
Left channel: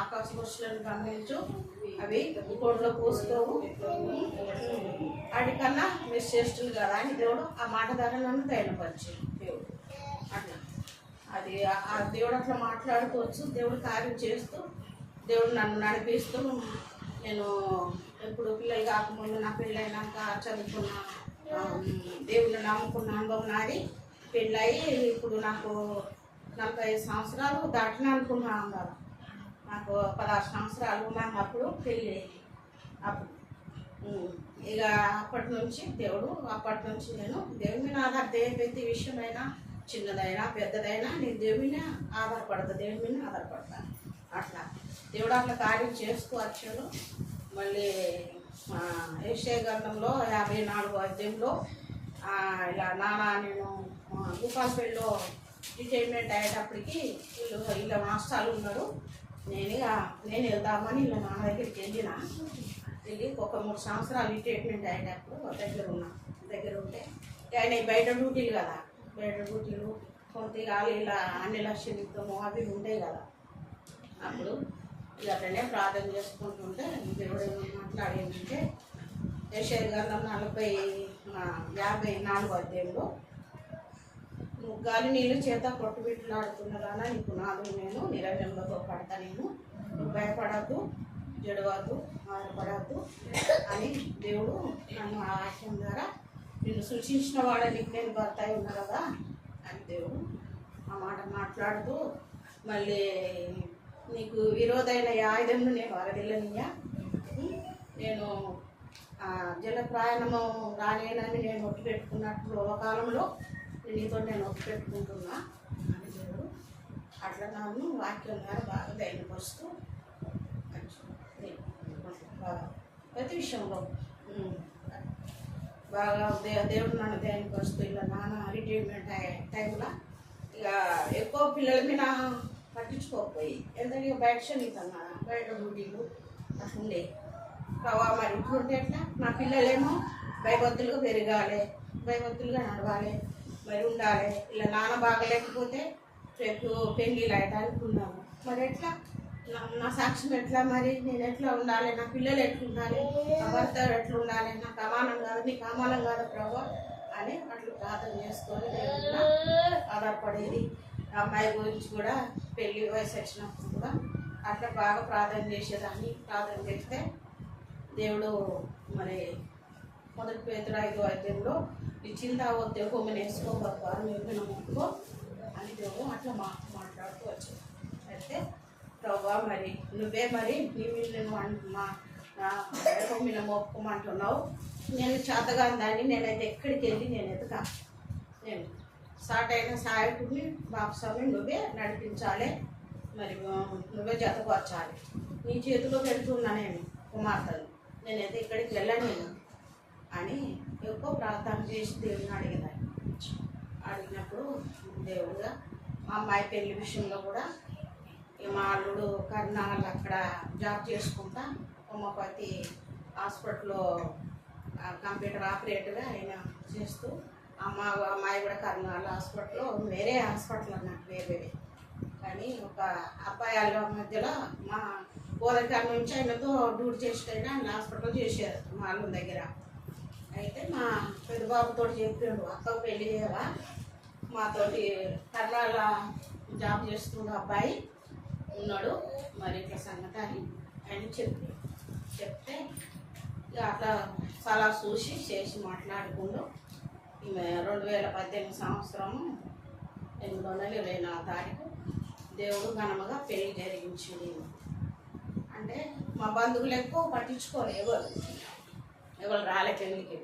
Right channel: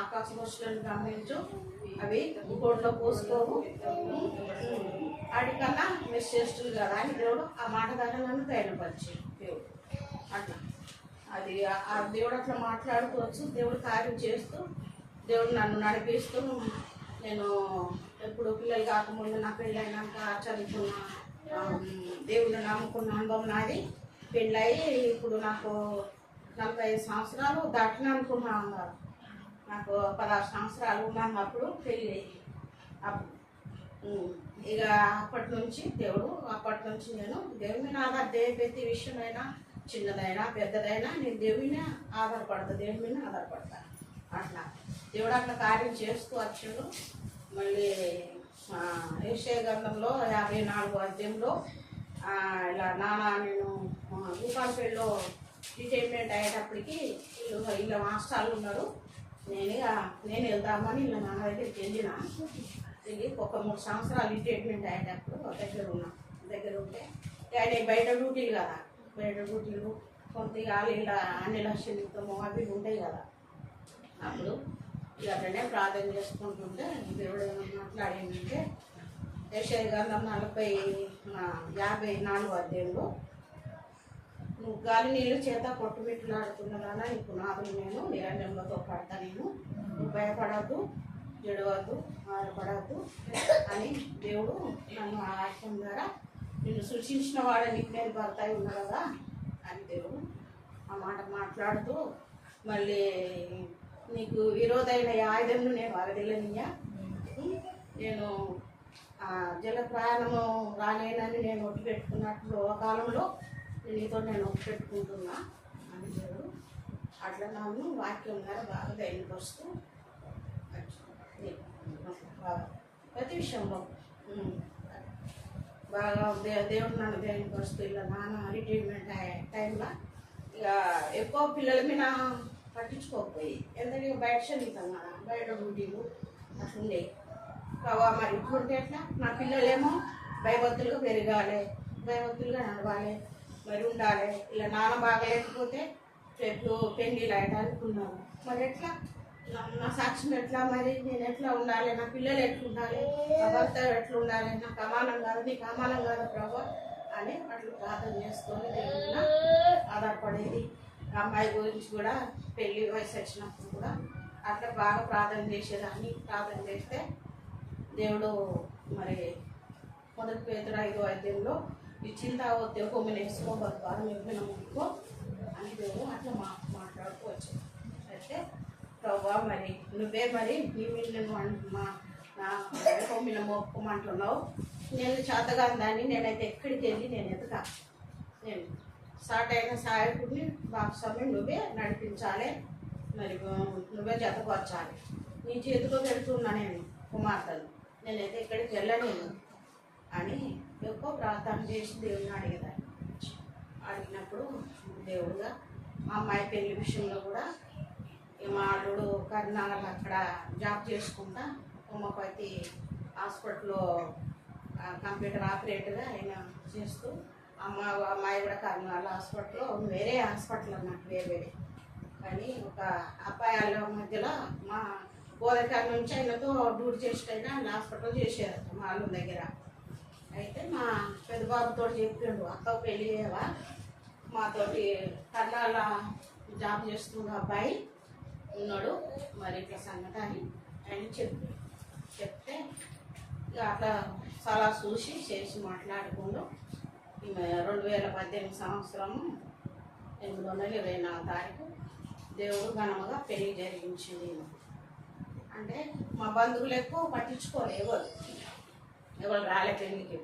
ఆకాశ పక్షులను గమనించు, అవి కోడిలో పోసుకోవు, వాటికన్నా మీరు శ్రేష్ఠులు కదా అని దేవుడు ఆ మాట ద్వారా నన్ను ధైర్యపరిచాడు దేవుడు. అట్లా అది ఆ దేవుడు అట్లా మాట్లాడుకోవచ్చు, దేవుడు కార్యం చేస్తూ దేవుడు నన్ను నడిపిస్తూ. నేను ఎప్పుడు పిల్లలు కాకముందు నా పెళ్ళైనాక చదువుకున్న దేవుడిని నమ్ముకున్న అనుభవం నాది. పెళ్ళయి ఇప్పుడు నాకు 45 సంవత్సరాలు దాటిన అనుకున్నా అన్నారు. నాకు 16 సంవత్సరాలు ఉన్నాను అప్పుడు పెళ్ళి అయ్యి. అప్పుడు ఇక అప్పటి నుంచి నేను దేవుని మీద ఆధార ప్రతి విషయమైనా చిన్నదైనా పెద్దదైనా నేను దేవుడి మీద ఆధారపడతా, దేవుడి మీద ఆధారపడతాను. అట్లా దేవుడు అట్లా కార్యం చేస్తూ వచ్చాడు. మళ్ళీ యెషయా గ్రంథంలో 54వ అధ్యాయంలో ఇలా నాన్న నేను భూపాలపల్లిలో రిటైర్మెంట్ అయ్యేటప్పటికి వీళ్ళ మాస్టర్లు ఉన్నారు. నేను వెళ్దామని వీళ్ళ నాన్న దగ్గరికి వెళ్ళి ఒక 3 సంవత్సరాలు రిటైర్మెంట్ అయ్యేటప్పుడు దగ్గర ఉంటే ఆయన బయట డ్యూటీలు కదా, బయట డ్యూటీలు కొద్దిగా ఇలా అన్ని లక్షలు అవి ఉంటాయి కదా. అప్పుడు ఇలానే ప్రార్థన చేసుకుంటుంటే దేవుడు మాట్లాడేంటంటే యెషయా గ్రంథం 54వ అధ్యాయంలో నువ్వు గాలి నీళ్ళు చేత కొట్టుబిట్టులాడుతున్నదానా నీ పునాదులు నేను నిరంజనంలో పడతా, నువ్వు భయపడద్దు, జడవద్దు, ఆడపడద్దు అని దేవుడు నన్ను ఆ వాక్యం ద్వారా నిన్ను సృష్టించిన వాడే నీకు నేను భర్త అయి ఉన్నా కదా అని దేవుడు ఆ మాట మాట్లాడుతూ మళ్ళీ నీకు విరోధైన ఆయుధంను నేను వరదిల్లనియా, నేను జల ప్రయాణము రానేనని నేను ఒట్టు పెట్టుకున్నట్లు ఒక కాలంలో నీతో నేను ఒట్టు పెట్టుకుంటున్నా అని దేవుడు అట్లా నన్ను వాక్యం ద్వారా బాగా ధైర్యపరుస్తూ ప్రతి విషయంలో బాగా దేవుడు నన్ను ధైర్యపరుస్తూ ఇలా నాన్న రిటైర్మెంట్ టైంలో ఇక ఎక్కువ పిల్లల మీద పట్టించుకోకపోయి ఎందుకంటే బయట చదువుతాను కదా, బయట డ్యూటీలు అట్లుండే ప్రభావ. మరి ఇట్లుంటే ఎట్లా నా పిల్లలేమో భయభక్తులుగా పెరగాలి, భయభక్తులుగా నడవాలి, మరి ఉండాలి. ఇలా నాన్న బాగలేకపోతే రేపు పెళ్ళిళ్ళు అయ్యడానికి ఉన్నాను, మరి ఎట్లా నా సాక్ష్యం ఎట్లా, మరి నేను ఎట్లా ఉండాలి, నా పిల్లలు ఎట్లా ఉండాలి, నా భర్త ఎట్లా ఉండాలి, నాకు అమానం కాదు, నీకు అమానం కాదు ప్రభావ అని అట్లా ప్రార్థన చేసుకొని దేవుడిన ఆధారపడేది. అమ్మాయి గురించి కూడా పెళ్ళి వయసు వచ్చినప్పుడు కూడా అట్లా బాగా ప్రార్థన చేసేదాన్ని. ప్రార్థన చేస్తే దేవుడు మరి 1 పేతురు 5వ అధ్యాయంలో ఇచ్చిందా కొమ్మని వేసుకోబోతారు మిగిలిన ముక్కో అని దేవుడు అట్లా మాట్లాడుతూ వచ్చాడు. అయితే ప్రభా మరి నువ్వే మరి నేను కొమ్మిన మొక్కుమంటున్నావు, నేను చేతగాని దాన్ని నేనైతే ఎక్కడికి వెళ్ళి నేను ఎదుగా నేను స్టార్ట్ అయిన సాయకుడిని బాప్స్వామి నువ్వే నడిపించాలి, మరి నువ్వే జతపరచాలి, నీ చేతిలో పెడుతున్నా నేను కుమార్తెలు, నేనైతే ఎక్కడికి వెళ్ళలేను అని ఎక్కువ ప్రార్థన చేసి దేవుడిని అడిగినప్పుడు దేవుడుగా మా అమ్మాయి పెళ్లి విషయంలో కూడా మా అల్లుడు కర్నాలు అక్కడ జాబ్ చేసుకుంటా హోమియోపతి హాస్పిటల్లో కంప్యూటర్ ఆపరేటర్గా ఆయన చేస్తూ అమ్మాయి కూడా కర్నాల హాస్పిటల్లో వేరే హాస్పిటల్ అన్నట్టు వేరే కానీ ఒక అబ్బాయిల మధ్యలో మా గోదరికాడ నుంచి ఆయనతో డ్యూటీ చేసేటైనా ఆయన హాస్పిటల్ చేశారు మా అల్లుడి దగ్గర. అయితే మా పెద్దబాబుతో చెప్పిండు అక్కకు పెళ్ళి చేయవా, మాతోటి కర్నాల జాబ్ చేస్తున్న అబ్బాయి ఉన్నాడు, మరి ఇట్లా సంగతి అని ఆయన చెప్తే అట్లా సలహా చూసి చేసి మాట్లాడుకుంటూ 2018 సంవత్సరము 8/24 తారీఖు దేవుడు ఘనముగా పెళ్లి జరిగించింది. అంటే మా బంధువులు ఎక్కువ పట్టించుకోలే, ఎవరు రాలే పెళ్ళికి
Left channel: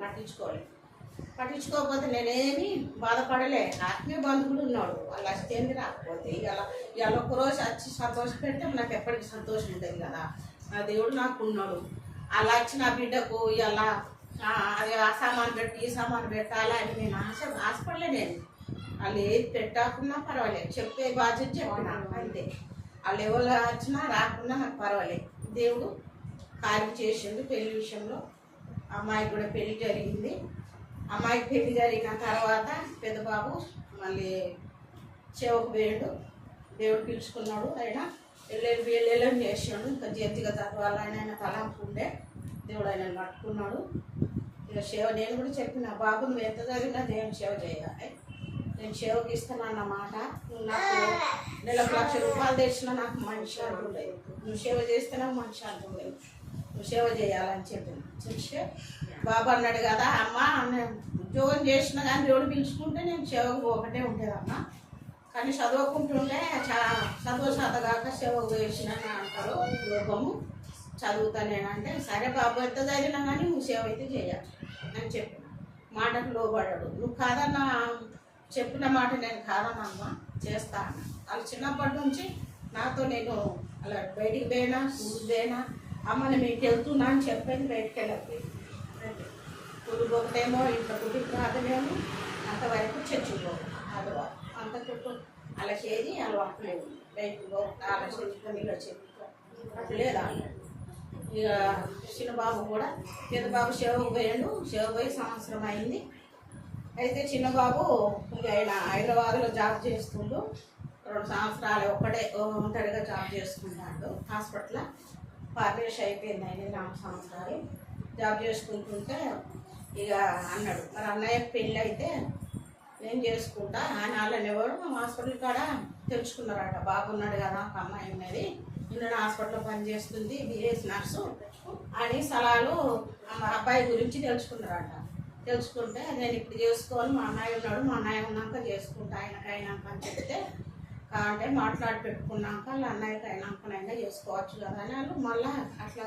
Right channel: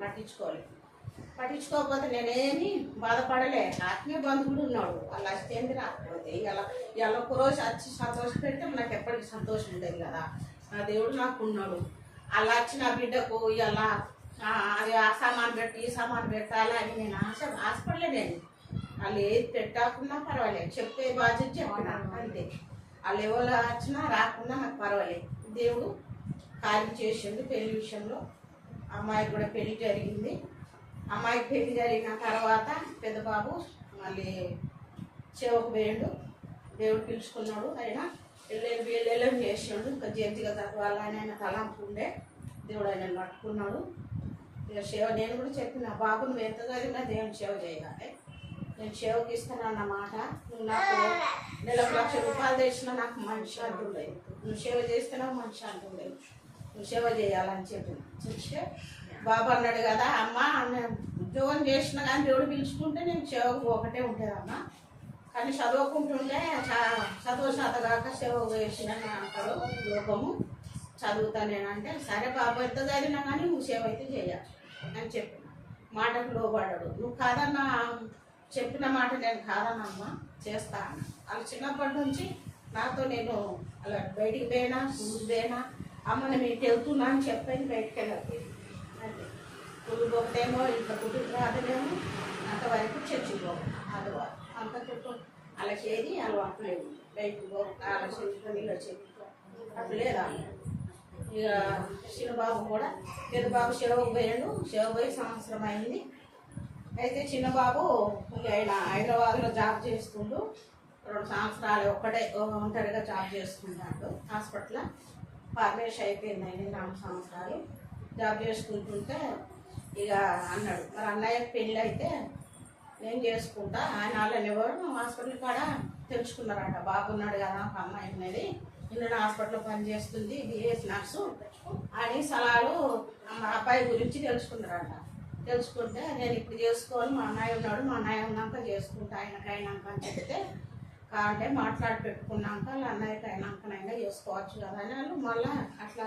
పట్టించుకోకపోతే నేనేమి బాధపడలే. ఆత్మీయ బంధువులు ఉన్నాడు, వాళ్ళు వస్తేంది రాకపోతే ఇవాళ ఒక్కరోజు వచ్చి సంతోషం పెడితే నాకు ఎప్పటికీ సంతోషం ఉంటుంది కదా. నా దేవుడు నాకు ఉన్నాడు. అలా వచ్చి నా బిడ్డకు ఇలా అది ఆ సామాన్ పెట్టి ఈ సామాన్ పెట్టాలా అని నేను ఆశపడలే. నేను వాళ్ళు ఏది పెట్టకుండా పర్వాలేదు, చెప్పే బాధ్యత చెప్పిన అంతే. వాళ్ళు ఎవరు వచ్చినా రాకుండా నాకు పర్వాలేదు. దేవుడు కార్యం చేసిండు. పెళ్లి విషయంలో అమ్మాయికి కూడా పెళ్లి జరిగింది. అమ్మాయికి పెళ్లి జరిగిన తర్వాత పెద్ద బాబు మళ్ళీ సేవకు పోయిండు. దేవుడు పిలుచుకున్నాడు. ఆయన వెళ్ళని చేసాడు. ఇంకా జంతిగా చదవాలని ఆయన తలంపు ఉండే. దేవుడు ఆయన పట్టుకున్నాడు. ఇక సేవ నేను కూడా చెప్పిన బాబు నువ్వు ఎంత చదివినా దేవుని సేవ చేయాలి, నేను సేవకి ఇస్తానన్నమాట. నువ్వు నాకు నెలకు ₹1,00,000 తెచ్చినా నాకు మనిషి అంటుండేది, నువ్వు సేవ చేస్తే నాకు మనిషి అంటుండేది, నువ్వు సేవ చేయాలని చెప్తే బాబు అన్నాడు కదా అమ్మ నేను ఉద్యోగం చేసినా కానీ దేవుడు పిలుచుకుంటే నేను సేవకు ఒకటే ఉంటుందమ్మా, కానీ చదువుకుంటుంటే చదువు శాతగాక సేవకు వేసిన అంటారు లోకము, చదువుతా నేనంటే సరే బాబు ఎంత చదివినా కానీ నువ్వు సేవ అయితే చేయాలి అని చెప్పిన మాటకు లోబడ్డాడు. నువ్వు కాదన్నా చెప్పిన మాట నేను కాదనమ్మా, చేస్తా అన్న. వాళ్ళు చిన్నప్పటి నుంచి నాతో నేను అలా బయటికి పోయినా స్కూల్కి పోయినా అమ్మ నేను మీకు వెళ్తున్నా అని చెప్పని బయటికి వెళ్ళకపోయింది. అంటే స్కూల్ పోతేమో ఇంట్లో కుటుంబ రాదలేమో అంతవరకు చచ్చిపోవు ఆడవారు అంత చుట్టూ అలా చేది అలవాటు లేదు. బయటకు పో అలా చెప్పుకొని ఇలా చెప్పుకో అట్లా లేదా. ఇక చిన్నబాబు కూడా పెద్దబాబు సేవకు పోయాడు. సేవ పోయి సంవత్సరం అయింది. అయితే చిన్నబాబు ఇక ఆయన హైదరాబాద్లో జాబ్ చేస్తుండు. 2 సంవత్సరాలు ఒక్కడే ఒంటరిగా జాబ్ చేసుకుంటాడు హాస్పిటల్. పార్లేష్ అయిపోయింది. ఆయన 4 సంవత్సరాలు జాబ్ చేసుకుంటుంటే ఇక అన్నాడు, మరి అన్నయ్యకి పెళ్ళి అయితే నేను చేసుకుంటా. ఆయన వాళ్ళని ఎవరు హాస్పిటల్ కాడ తెలుసుకున్నారట. బాగున్నాడు కదా, ఒక అమ్మాయి ఉన్నది, నిన్న హాస్పిటల్లో పనిచేస్తుంది, బిఎస్ నర్సు అని సలహాలు మా అబ్బాయి గురించి తెలుసుకున్నారట. తెలుసుకుంటే నేను ఇప్పుడు చేసుకోవాలి, మా అన్నయ్య ఉన్నాడు, మా అన్నయ్య ఉన్నాక చేసుకుంటా, ఆయనకు అయినాక అని చెప్తే అంటే మాట్లాడి పెట్టుకున్నాక వాళ్ళ అన్నయ్యకి అయినాకనైనా చేసుకోవచ్చు కదా అని వాళ్ళు మళ్ళీ అట్లా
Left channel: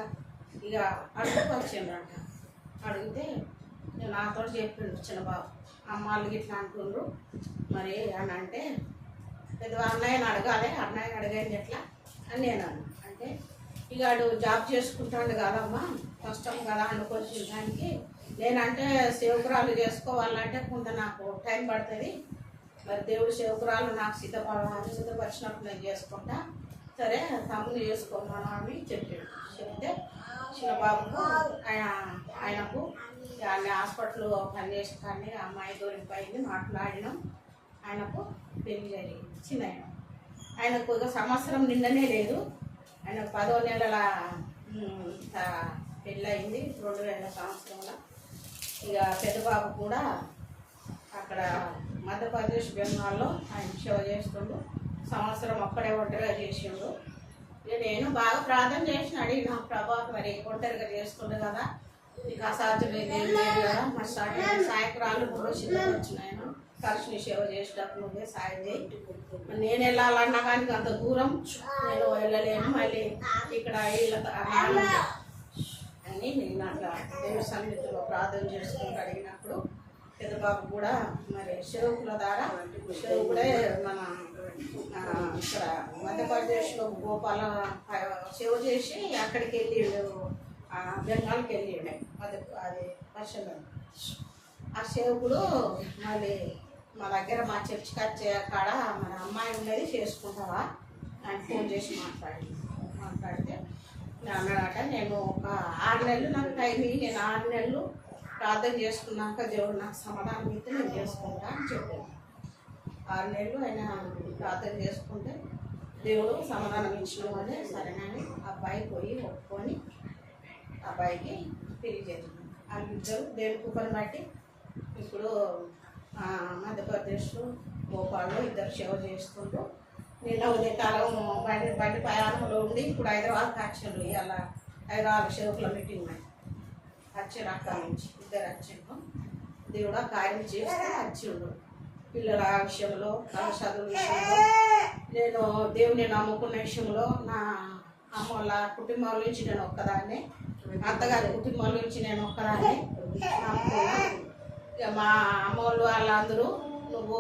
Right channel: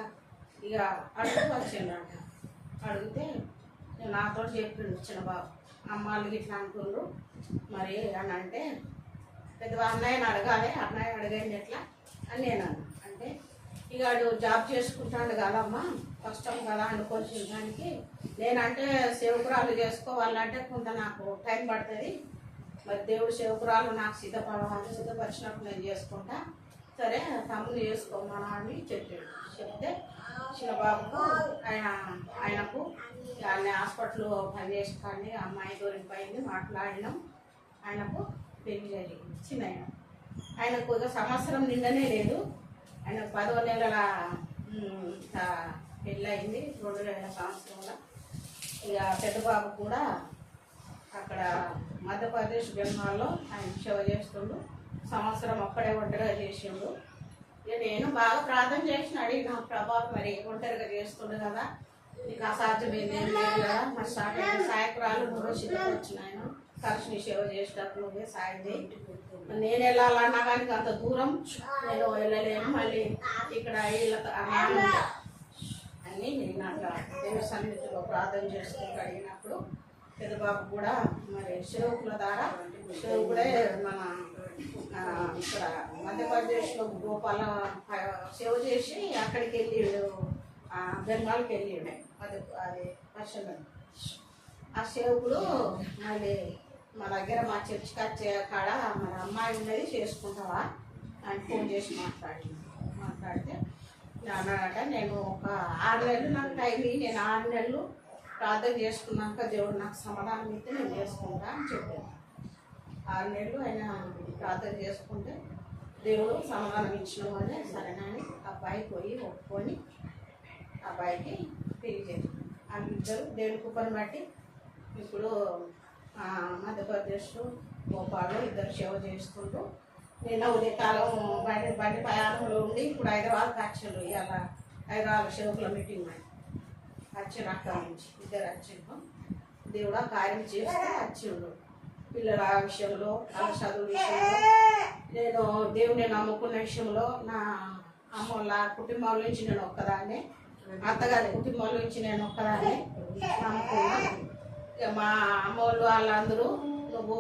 ఇక అడుగుతూ వచ్చిండట. అడిగితే నేను నాతో చెప్పిండు చిన్నబాబు, అమ్మాళ్ళు ఇట్లా అంటుండ్రు మరి అని అంటే పెద్ద అన్నయ్యని అడగాలి, అన్నయ్య అడిగేది ఎట్లా అని నేను అన్నా. అంటే ఇక వాడు జాబ్ చేసుకుంటాడు కదమ్మా, కష్టం కదా అనుకోవచ్చు దానికి. నేనంటే సేవకురాలు చేసుకోవాలంటే కొంత నాకు టైం పడుతుంది, మరి దేవుడు సేవకురాలు నాకు సిద్ధపరిచినప్పుడు నేను చేసుకుంటా, సరే తమ్ముడు చేసుకోమన్నా అని చెప్పాడు. చెప్తే చిన్నబాబుకు ఆయనకు ఆయన హాస్పిటల్ పనిచేసి కానీ అమ్మాయి దొరికిపోయింది, మాట్లాడినాం, ఆయనకు పెళ్లి జరిగింది. చిన్న ఆయనకు ఇక సంవత్సరం నిండనే లేదు, ఆయనకు 10వ నెలల పెళ్ళి అయింది 2000 సంవత్సరంలో. ఇక పెద్దబాబు కూడా అక్కడ మధ్యప్రదేశ్ బెంగాల్లో ఆయన సేవ చేస్తుండు. సంవత్సరం అక్కడే ఒంటరిగా చేసిండు. నేను బాగా ప్రార్థన చేసిన అడిగిన, ప్రభా మరి ఒంటరిగా చేస్తుండే కదా, నీకు అసాధ్యమైంది ఏం లేదు కదా, మరి సాయకురాలు 3 రోజులు సిద్ధపరిచినాయన కలిసి సేవ చేసేటప్పుడు నువ్వే సాయం చేయి. నేను వెళ్ళాలన్నా కానీ అంత దూరం నేను వెళ్ళలేను, మళ్ళీ ఇక్కడ అని నేను అట్లా దేవుడి సన్నిధిలో ప్రార్థన చేసుకుంటూ అడిగినప్పుడు పెద్దబాబు కూడా మరి సేవకుల ద్వారా సేవకుడే మన ఇక్కడ మధ్యప్రదేశ్లో గోపాల సేవ చేసి అక్కడికి వెళ్ళిండు, బెంగాల్కి వెళ్ళిండు. అది వర్షం ఆ సేవకుడు మళ్ళీ మా దగ్గర మా చర్చికి వచ్చే కాడ మన అమ్మాయి ఉండేది చేసుకుంటావా అని ఫోన్ చేసి మాట్లాడితే అన్నాడట, నేను ఒక 6 నెలలు నాకు టైం ఇయ్యి, నేను 6 నెలలు ప్రార్థన చేసుకున్నాక దేవుడు నాకు సమాధానం ఇస్తే నేను చేసుకుంటా అని చెప్పాను. 6 నెలలు ఆయన ప్రార్థన చేసుకుంటే దేవుడు సమాధానం ఇచ్చిన వాళ్ళే సరేనని అబ్బాయి పోయి ఒప్పుకొని అబ్బాయికి పెళ్లి చేసింది. వాళ్ళిద్దరు దేవుడి కృపను బట్టి ఇప్పుడు మధ్యప్రదేశ్లో భోపాల్లో ఇద్దరు సేవ చేసుకుంటూ నిన్న ఉదయకాలం బండి ప్రయాణంలో ఉండి ఇప్పుడు హైదరాబాద్కి వచ్చాడు. ఇలా హైదరాబాద్ సేవకుల మీటింగ్ వచ్చాడు, అక్కడి నుంచి ఇద్దరు వచ్చిండు. దేవుడు కార్యం చేస్తే వచ్చిండు. పిల్లల విషయంలో, వాళ్ళ చదువు విషయంలో, నేను దేవుని నమ్ముకున్న విషయంలో నా అమ్మోళ్ళ కుటుంబం నుంచి నేను ఒక్కదాన్ని, అత్తగారి కుటుంబం నుంచి నేను ఒక్కదాన్ని నమ్ముకున్నా. ఇక మా అమ్మోళ్ళు వాళ్ళందరూ నువ్వు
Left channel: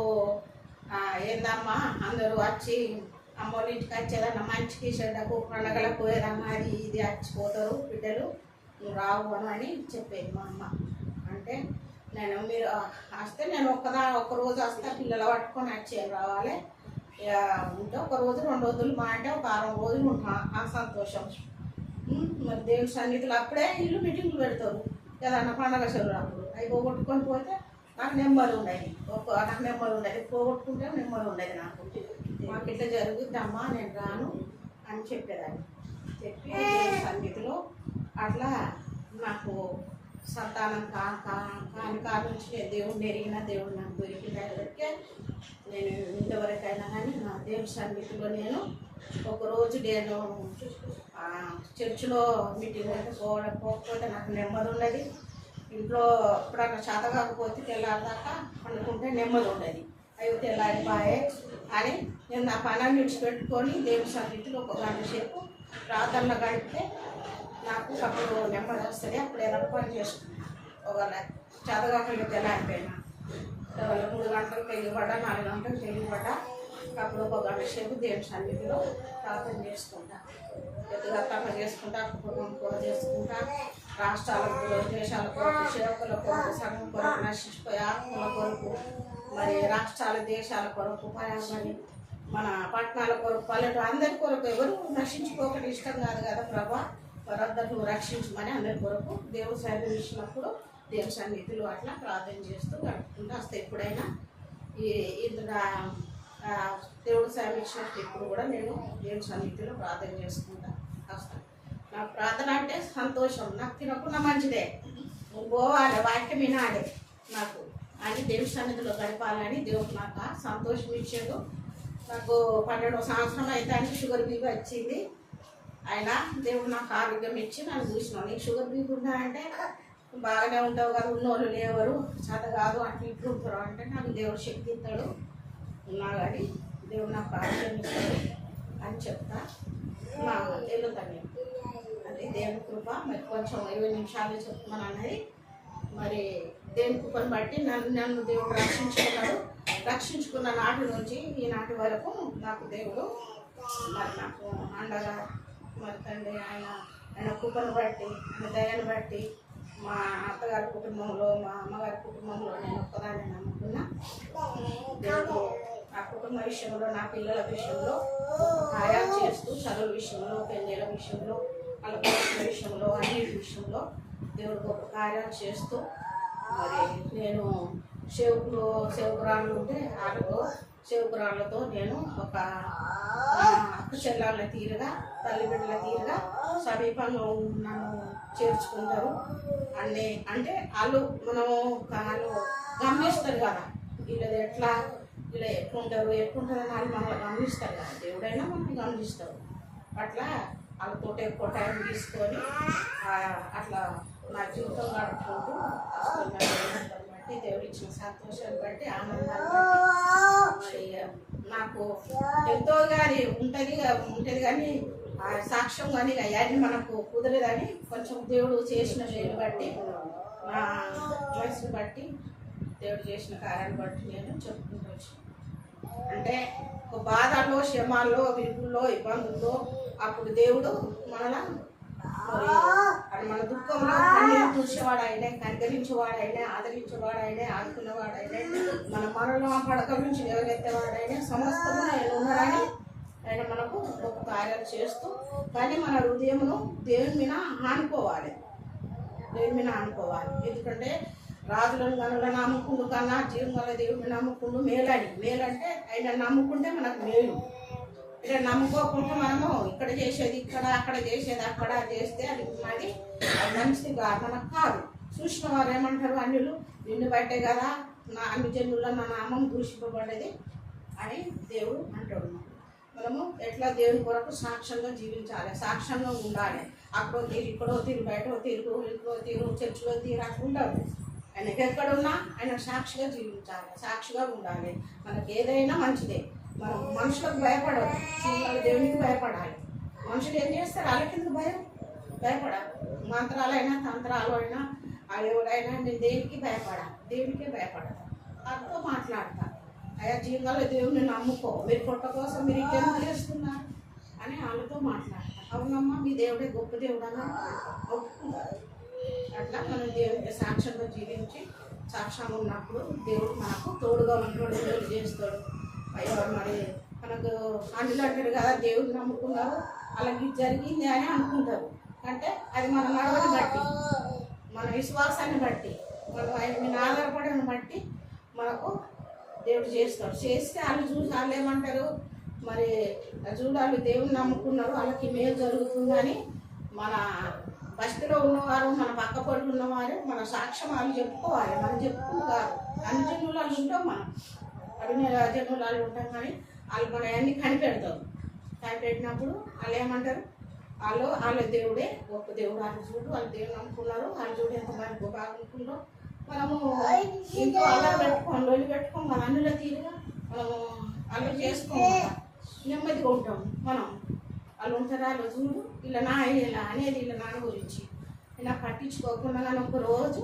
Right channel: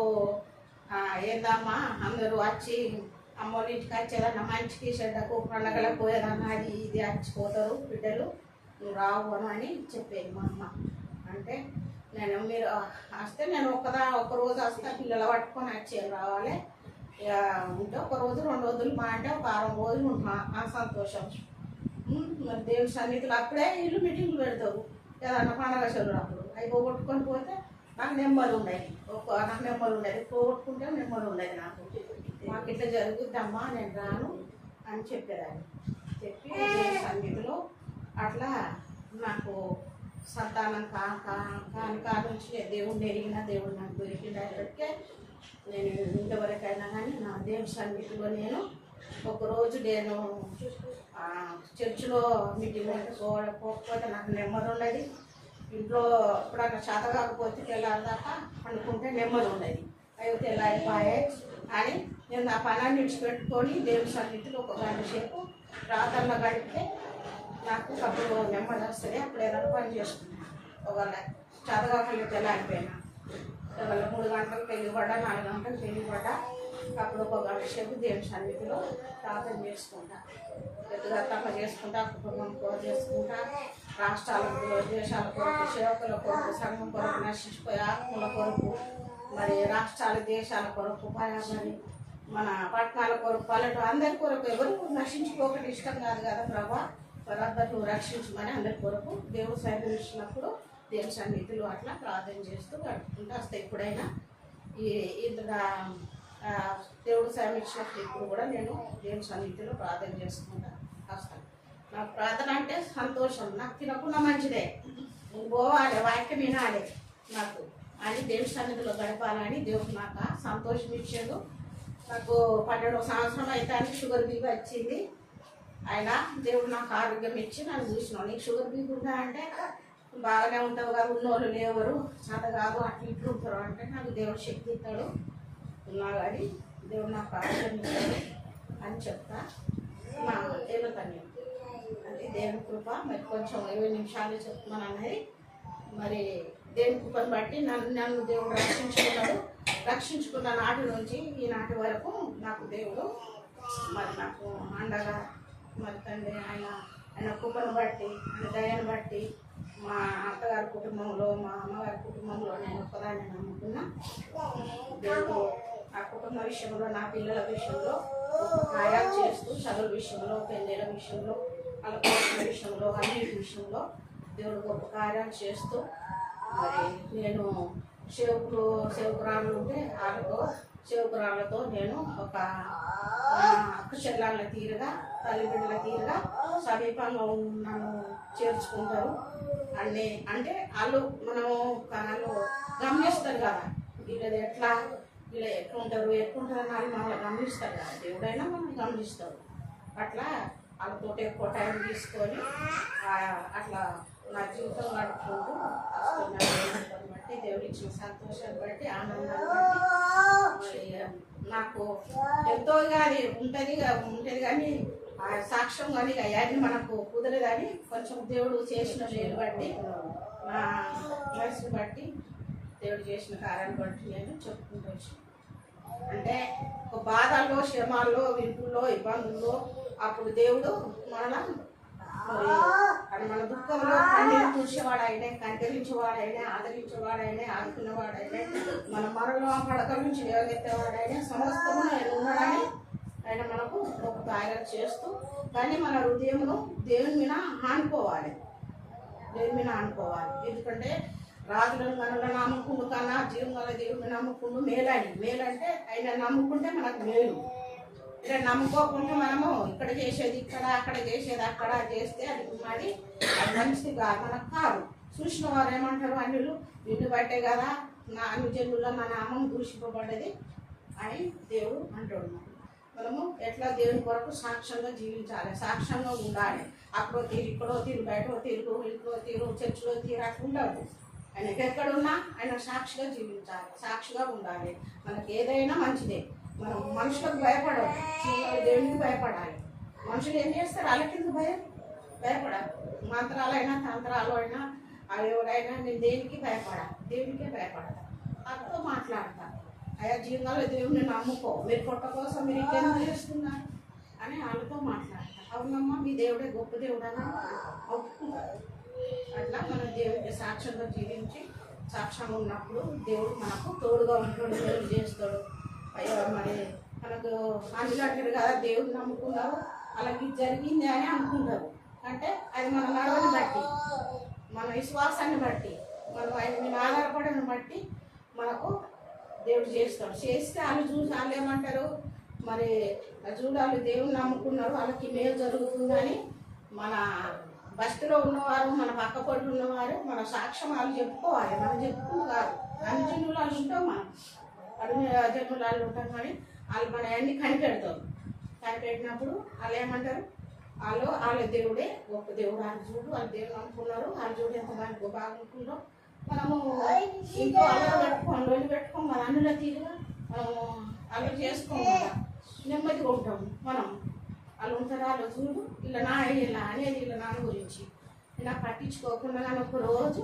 ఏందమ్మా అందరూ వచ్చి అమ్మోళ్ళ ఇంటికి వచ్చేదన్నా మంచికి చెడ్డకు పండగలకు ఏదన్నా అది ఇది వచ్చిపోతారు బిడ్డలు, నువ్వు రావు అని చెప్పేది మా అమ్మ. అంటే నేను మీరు వస్తే నేను ఒక రోజు వస్తే పిల్లలు పట్టుకొని వచ్చేది రావాలి, ఇక ఉంటే 1 రోజు 2 రోజులు మా అంటే ఒక 6 రోజులు ఉంటున్నా ఆ సంతోషం. మరి దేవుని సన్నిధిలో అప్పుడే వీళ్ళు మీటింగ్లు పెడతారు ఏదన్నా పండగ చెరువు అప్పుడు అవి పోగొట్టుకొని పోతే నాకు నెమ్మది ఉండేది, నాకు నెమ్మది ఉండేది, పోగొట్టుకుంటే నెమ్మది ఉండేది. నాకు మాకు ఇట్లా జరుగుద్దమ్మా నేను రాను అని చెప్పేదాన్ని. చెప్పి సన్నిధిలో అట్లా నాకు సంతానం కాని నుంచి దేవుడిని ఎరిగిన దేవుడు నాకు దొరికినప్పటికే నేను ఇంతవరకైనా కానీ నా దేవుడి సన్నిధిలో నేను ఒకరోజు నేను చర్చిలో మీటింగ్ అంటే పోకపోతే నాకు నెమ్మది ఉండదు. ఇంట్లో ఎప్పుడన్నా చేత కాకపోతే తెల్లారిదాకా పండుకుంటే నెమ్మది ఉండదు. అవి తెల్లారిపోయే అని నేను నా పనాన్ని విడిచిపెట్టుకొని దేవుడి సన్నిధిలో 1 గంట సేపు ప్రార్థనలో గడిపితే నాకు అప్పుడు నెమ్మది వస్తుంది. అప్పుడు ఏదైనా పని చేసుకున్నాను. ఒకవేళ చేత కాకుండా తెల్లారిపోయినా ఇవాళ 3 గంటలకు పెళ్ళిపడ్డా, 4 గంటలకు పెళ్ళిపడ్డా, అప్పుడు ఒక గంట సేపు దేవుని సన్నిధిలో ప్రార్థన చేసుకుంటా, వ్యక్తిగతంగా చేసుకుంటా, కుటుంబం కూడా చేసుకుంటా, రాష్ట్రాలకు దేశాల కొరకు, సేవకుల కొరకు, సంఘం కొరకు, నశించిపోయే ఆత్మల కొరకు, మరి రాష్ట్రాల దేశాల కొరకు, మరి మన పట్టణాల కొరకు, పల్లెటూరు అందరి కొరకు, ఎవరు నశించుకోకటి ఇష్టం కాదు కదా ప్రభా, వారందరూ రక్షించమని అందరి కొరకు దేవుడు సైతం ఇచ్చినప్పుడు దేవుని సన్నిధిలో అట్లా ప్రార్థన చేస్తూ గడుపుకుంటూ వస్తాయి. ఎప్పుడైనా ఇందులో దేవుడు సాయం ఇచ్చినప్పుడు ఇప్పుడు కూడా నేను దేవుని సన్నిధిలో ప్రార్థన చేసుకుంటా వస్తాను. నా ప్రార్థన అంటే సంతోషం, నాకు తినకుండా మంచిదే, పోవాలి, వాక్యం వినాలి నాకు అని దేవుని సన్నిధిలో గడపాలని దేవుడు నాకు సంతోషం ఇచ్చాడు. నాకు 12వ సంవత్సరం అయితే షుగర్ బీపీ వచ్చింది. ఆయన దేవుడు నాకు ఆరోగ్యం ఇచ్చి నన్ను చూసినావు, నీకు షుగర్ బీపీ ఉందా అంటే బాగానే ఉంటావు కదా, ఉన్నోళ్ళు లేవరు, చేత కాదు, అట్లా ఇట్లు ఉంటారు అంటే నాకు దేవుడు శక్తి ఇస్తాడు, ఉన్నా కానీ దేవుడు నాకు ఆరోగ్యం ఇస్తాడు అని చెప్తా. మా వెళ్తాను అంటే దేవుని కృప. మరి కొంచెం 20 నిమిషాలు చెప్తున్నాను అనేది, మరి దేవుని కృపను బట్టి నన్ను దేవుడు రక్షించుకున్న నాటి నుంచి ఈనాటి వరకు నాకు దేవుడు మరి నాకు అండగా, మరి తండ్రి ఆయన కృపను బట్టి, ఆయన దయను బట్టి మా అత్తగారి కుటుంబంలో, మా అమ్మగారి కుటుంబంలో నేను ఒక్కదాన్ని నమ్ముకున్నా. దేవుడు ఆ కుటుంబ విషయంలో, నా పిల్లల విషయంలో కార్యాలు చేస్తూ, చదువుల విషయంలో, పెళ్ళిళ్ళ విషయంలో, వాళ్ళ కోరికల విషయంలో, అన్ని విషయంలో దేవుడు గొప్ప కార్యాలు చేస్తూ, మరి నేను సేవకురాళ్ళు ఉంటే సేవకురాళ్ళతో నేను ఒక అక్క చెల్లెళ్ళ తీరుగా, తల్లిదండ్రుల తీరుగా సమీపంగా నన్ను చేర్చుకుంటారు. అన్నీ అంటే వాళ్ళు గమనిస్తారు కదా, వీళ్ళు ఎట్లుంటారు అని వాళ్ళు మనల్ని గమనిస్తారు కదా, దేవుడైనా మనం గమనిస్తారు. అట్లా వాళ్ళతో ఎక్కువ టైం తీసుకొని అట్లా నా జీవితం గడుపుకుంటూ బట్టి, దేవుడు ఇచ్చిన సంతోషాన్ని బట్టి, ఆనందాన్ని బట్టి నాకు ఎంతో కానీ ఉంటుంది కానీ సాక్ష్యం కానీ అవన్నీ మనకు కుదరదు. కానీ కొంచెం దేవుడు చేసిన వేలు బట్టి, నా వయసుని బట్టి, దేవుడు చేసిన కార్యాన్ని బట్టి నేను చెప్పుకుంటూ వచ్చాను. అంటే ఒక బాధల్లో, శ్రమాల్లో, విరుపుల్లో, ఇబ్బందుల్లో అప్పుడు దేవుడు అది మన దుఃఖంలో కన్నీళ్ళు తుడిచేవాడైనా, కనికరించేవాడైనా, ఆదరించేవాడైనా, ఆడుకునేవాడైనా, మన మరణం పడక నుంచి లేవనెత్తేవాడైనా, సమస్తము ఆయన ఉన్నాడని ఆయన మనకు ఒక కార్యాలు చేస్తూ, కానీ మన హృదయమును దేవుని మీద ఆనుకోవాలి. ఎందుకంటే రాజులను మనల్ని నమ్ముకుండు కన్నా జీవం వల్ల దేవుడిని నమ్ముకుండు మేలంటే ఆయన నమ్ముకుంటే మనకు మేలు. ఇలా నమ్ముకోకుండా మనము ఇక్కడ చేసేది ఇక్కడ, అక్కడ చేసేది అక్కడ చేస్తే అది మంచిదిగా మనకు కాదు. చూసిన వారు ఏమంటారు, అన్యులు నిన్ను బట్టే కదా అన్ని జనుల్లో మన నామం దూషింపబడ్డది అని దేవుడు అంటాడు. మనము ఎట్లా దేవుని కొరకు సాక్ష్యంగా జీవించాలి, సాక్ష్యంగా ఉండాలి. అక్కడో తీరు, ఇక్కడో తీరు, బయటో తీరు, ఇంట్లో తీరు, చర్చిలో తీరు అట్లా ఉండదు. ఆయనకి ఎక్కడున్నా ఆయన సాక్షిగా జీవించాలి, సాక్షిగా ఉండాలి. మనకి ఏదైనా మంచిదే. మనం మనుషులకు భయపడదు, దేవునికి భయపడాలి. మనుషులు ఏం చేస్తారు, వాళ్ళకి భయపడాలి. మంత్రాలైనా, తంత్రాలు అయినా, ఎవరైనా నేను దేవునికి భయపడాలి, దేవునికే భయపడాలి. వాళ్ళతో మాట్లాడతా, అయ్యా జీవితంలో దేవుడిని నమ్ముకో, మీరు పొట్ట కోసం మీరు ఇంకేం చేస్తున్నారు అని వాళ్ళతో మాట్లాడతా. అవునమ్మా మీ దేవుడే గొప్ప దేవుడు అని ఒప్పుకుంటారు. అట్లా మనం దేవుడికి సాక్ష్యంగా జీవించి, సాక్ష్యంగా ఉన్నప్పుడు దేవుడు మనకు తోడుగా ఉంటాడు, దేవుడు చేస్తాడు. అయ్యో మరి మనకు అందులో అంటారు కదా, దేవుడు నమ్ముకున్నారు అలాగే జరిగింది అని అనుకుంటారు. అంటే అది మన నడవని బట్టి, మన విశ్వాసాన్ని బట్టి, మనం ఆయన ఆధారపడని బట్టి మనకు దేవుడు చేస్తాడు. చేస్తే వాళ్ళు చూసి వాళ్ళు ఏమంటారు, మరి చూడాలి దేవుని నమ్ముకున్నారు వాళ్ళకి మేలు జరుగుతుందని మన బస్తిలో ఉన్నవారు, మన పక్క పొట్లు ఉన్నవారు మన సాక్ష్యం వాళ్ళు చెప్పుకోవాలి. మనం చెప్పుకున్న కాదు, అన్ని జన్మలాలు ఉంటాం, మనం అన్ని జన్మలాలు ఉంటాం. కానీ వాళ్ళు మన అన్ని కనిపెడతారు. కనిపెట్టినప్పుడు వాళ్ళు ఏమంటారు, వాళ్ళ దేవుడే గొప్ప దేవుడు, వాళ్ళు చూడు వాళ్ళు దేవుడు నమ్ముకున్నారు, వాళ్ళు చూడు ఎంత మంది బాగుంటున్నారో. మనము ఇంట్లో అల్లరి పెట్టుకోం మన అన్నిలో తీరుగా మనము అల్లరి చేసుకోకుండా నెమ్మదిగా ఉంటాము. మనం వాళ్ళు ఉంటారా, వాళ్ళు చూడు ఇలా ఇలా అనేది ఇలా నాన్న గురించి ఇలా పట్టించుకోకుండా నన్ను ఒక రోజు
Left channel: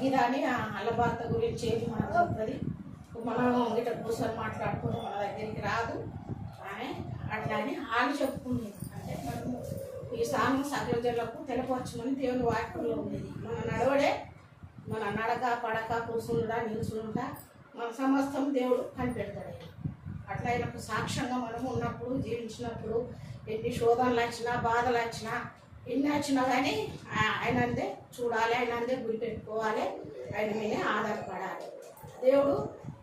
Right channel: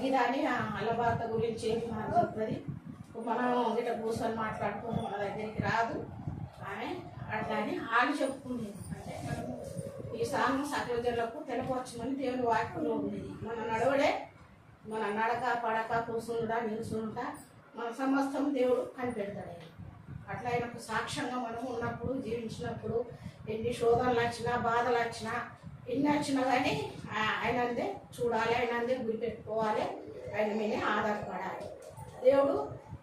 గిదాని అల్లబార్త గురించి ఏంటి మనకు చెప్తుంది. మనం ఇట్లా కూర్చొని మాట్లాడుకుని మన దగ్గరికి రాదు. కానీ అట్లా అని వాళ్ళు చెప్పుకుంది. అంటే మనము ఈ సాంగ్ సకల జనులకు తెలపరచమని దేవుని వాక్యంలో ఉండేది. మన నడవడే, మన నడక పడక కూర్చుంటా నిలుచుంటా మన సమస్తం దేవుడు కనిపెడతాడు. అట్లా ఆయనకు సాక్ష్యంగా మనము ఉన్నప్పుడు జీవించినప్పుడు ఎన్ని శోధనలు వచ్చినా బాధలు వచ్చినా ఎన్ని వచ్చినా కానీ ఆయనందే చూడాలి, ఆయనందే గురి పెట్టుకోవాలి, ఆయన మీదే ఆధారపడాలి. దేవుడు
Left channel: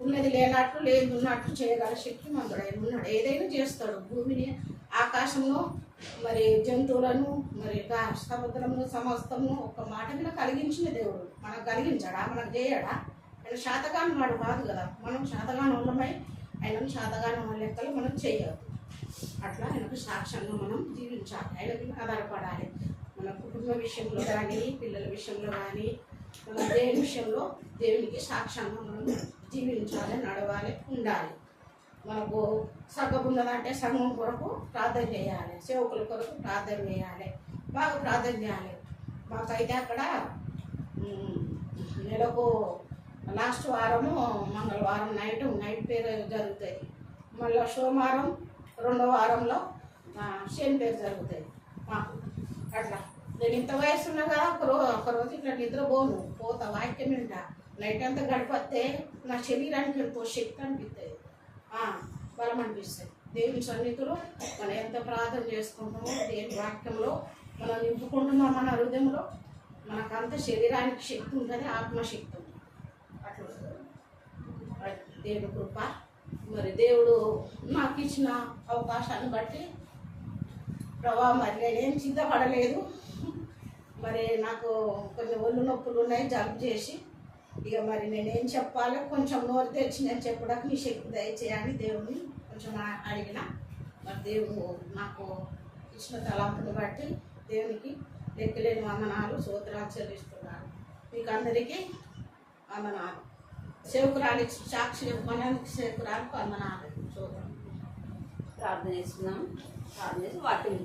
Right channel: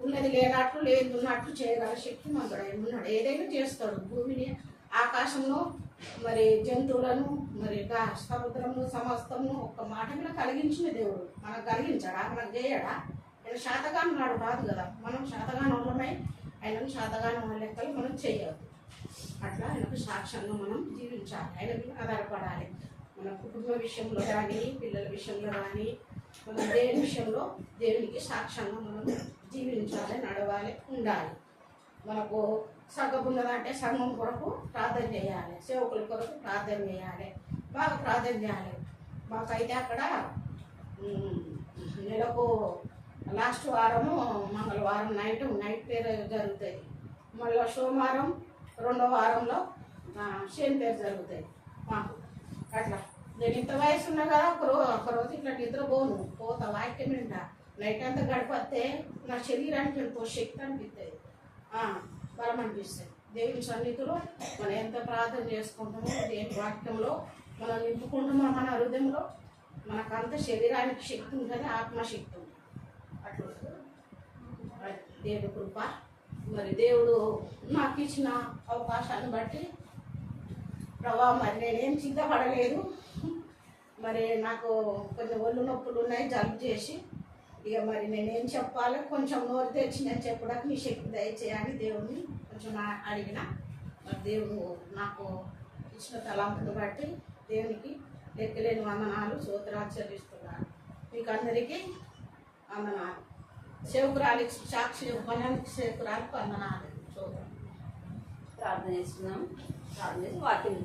ఉన్నది లేనట్లు లేదు ఉన్నట్లు చేయగల శక్తి మందుడు ఆయన ఉన్నాడు. ఏదైనా చేస్తాడు. భూమిని ఆకాశంలో మరి జంతువులను మరి సముద్రము సమస్తము ఒక్క మాట మీద కలిగించిన దేవుడు మనకు కలిగించాడా? మనకు చేయడా? ఆయన శాతగానం వాడు కాదు కదా. మనం శాతగానం ఉన్నమై ఆయనను శాతగానం లెక్కలు మనం చేయవద్దు. అట్లా ఆయనకు సాక్ష్యంగా మనం జీవించాలి, ఆయన మీద ఆధారపడాలి. మన కుటుంబ విషయంలో కానీ పిల్లల విషయంలో కానీ మన దేవుని విషయంలో దేవునికి సాక్ష్యంగా మనం జీవించాలి, నడవాలి, ఉండాలి. మనకు సంఘం ఉన్నదంటే సంఘం కొరకు ప్రార్థన చేయాలి, సేవకుల కొరకు ప్రార్థన చేయాలి, బాగా ప్రార్థన చేయాలి. మాకైతే అక్కడ నెలకు లాస్ట్ వారము మంగళవారం నైట్ పేరు జరుగుతుంది. మళ్ళీ సోమవారం రెండో వారంలో శని పేరు జరుగుతుంది మాకు. అట్లా నేను ఇంత వయసు ఉన్నా కదా ఒకరోజు ఇట్లా నిద్రపోను, పోతా వాక్యం వింటా. నైట్ అంతా గడిపితే నా శరీరానికి ఎంతో శక్తి అనిపిస్తుంది, బలం అనిపిస్తుంది. దేవుని సన్నిధిలో మనం ఎంత ప్రార్థన చేసుకుంటామో దేవుని వాక్యంలో మనం నింపుకుంటున్నాం మన హృదయంలో, మనకంత శరీరానికి శక్తి ఉంటుంది, ఆత్మశక్తి ఉంటుంది. అట్లా దేవుడి కృప. మరి దేవుడు నాకు ఇచ్చిన అవకాశాన్ని బట్టి ప్రభా మరి నేనేం సిద్ధపడలేదు. మరి నాకు కొంచెం ఒళ్ళు నొప్పులు ఉన్నాయి, జలుబు చేసి ఇక మరి నేనేం చెప్పాలో కొంచెం నోరు తెచ్చి నేను చెప్పడానికి నీ శక్తి దయచేయాలని దేవుడిని కొంచెం అడిగిన. మరి దేవుడు నాకు ఇచ్చిన తలంపుని బట్టి దేవునికి లెక్కలేని వందనాలు స్తోత్రాలు చెల్లిస్తున్నాను. మీకు అందరికీ వందనాలు. సేవకురాలికి సాక్షి చెప్పడానికి సేవకురాలకు వందనాలు స్తోత్రం. ప్రార్థన చేస్తున్నాం. ప్రార్థన చేసి వాక్యం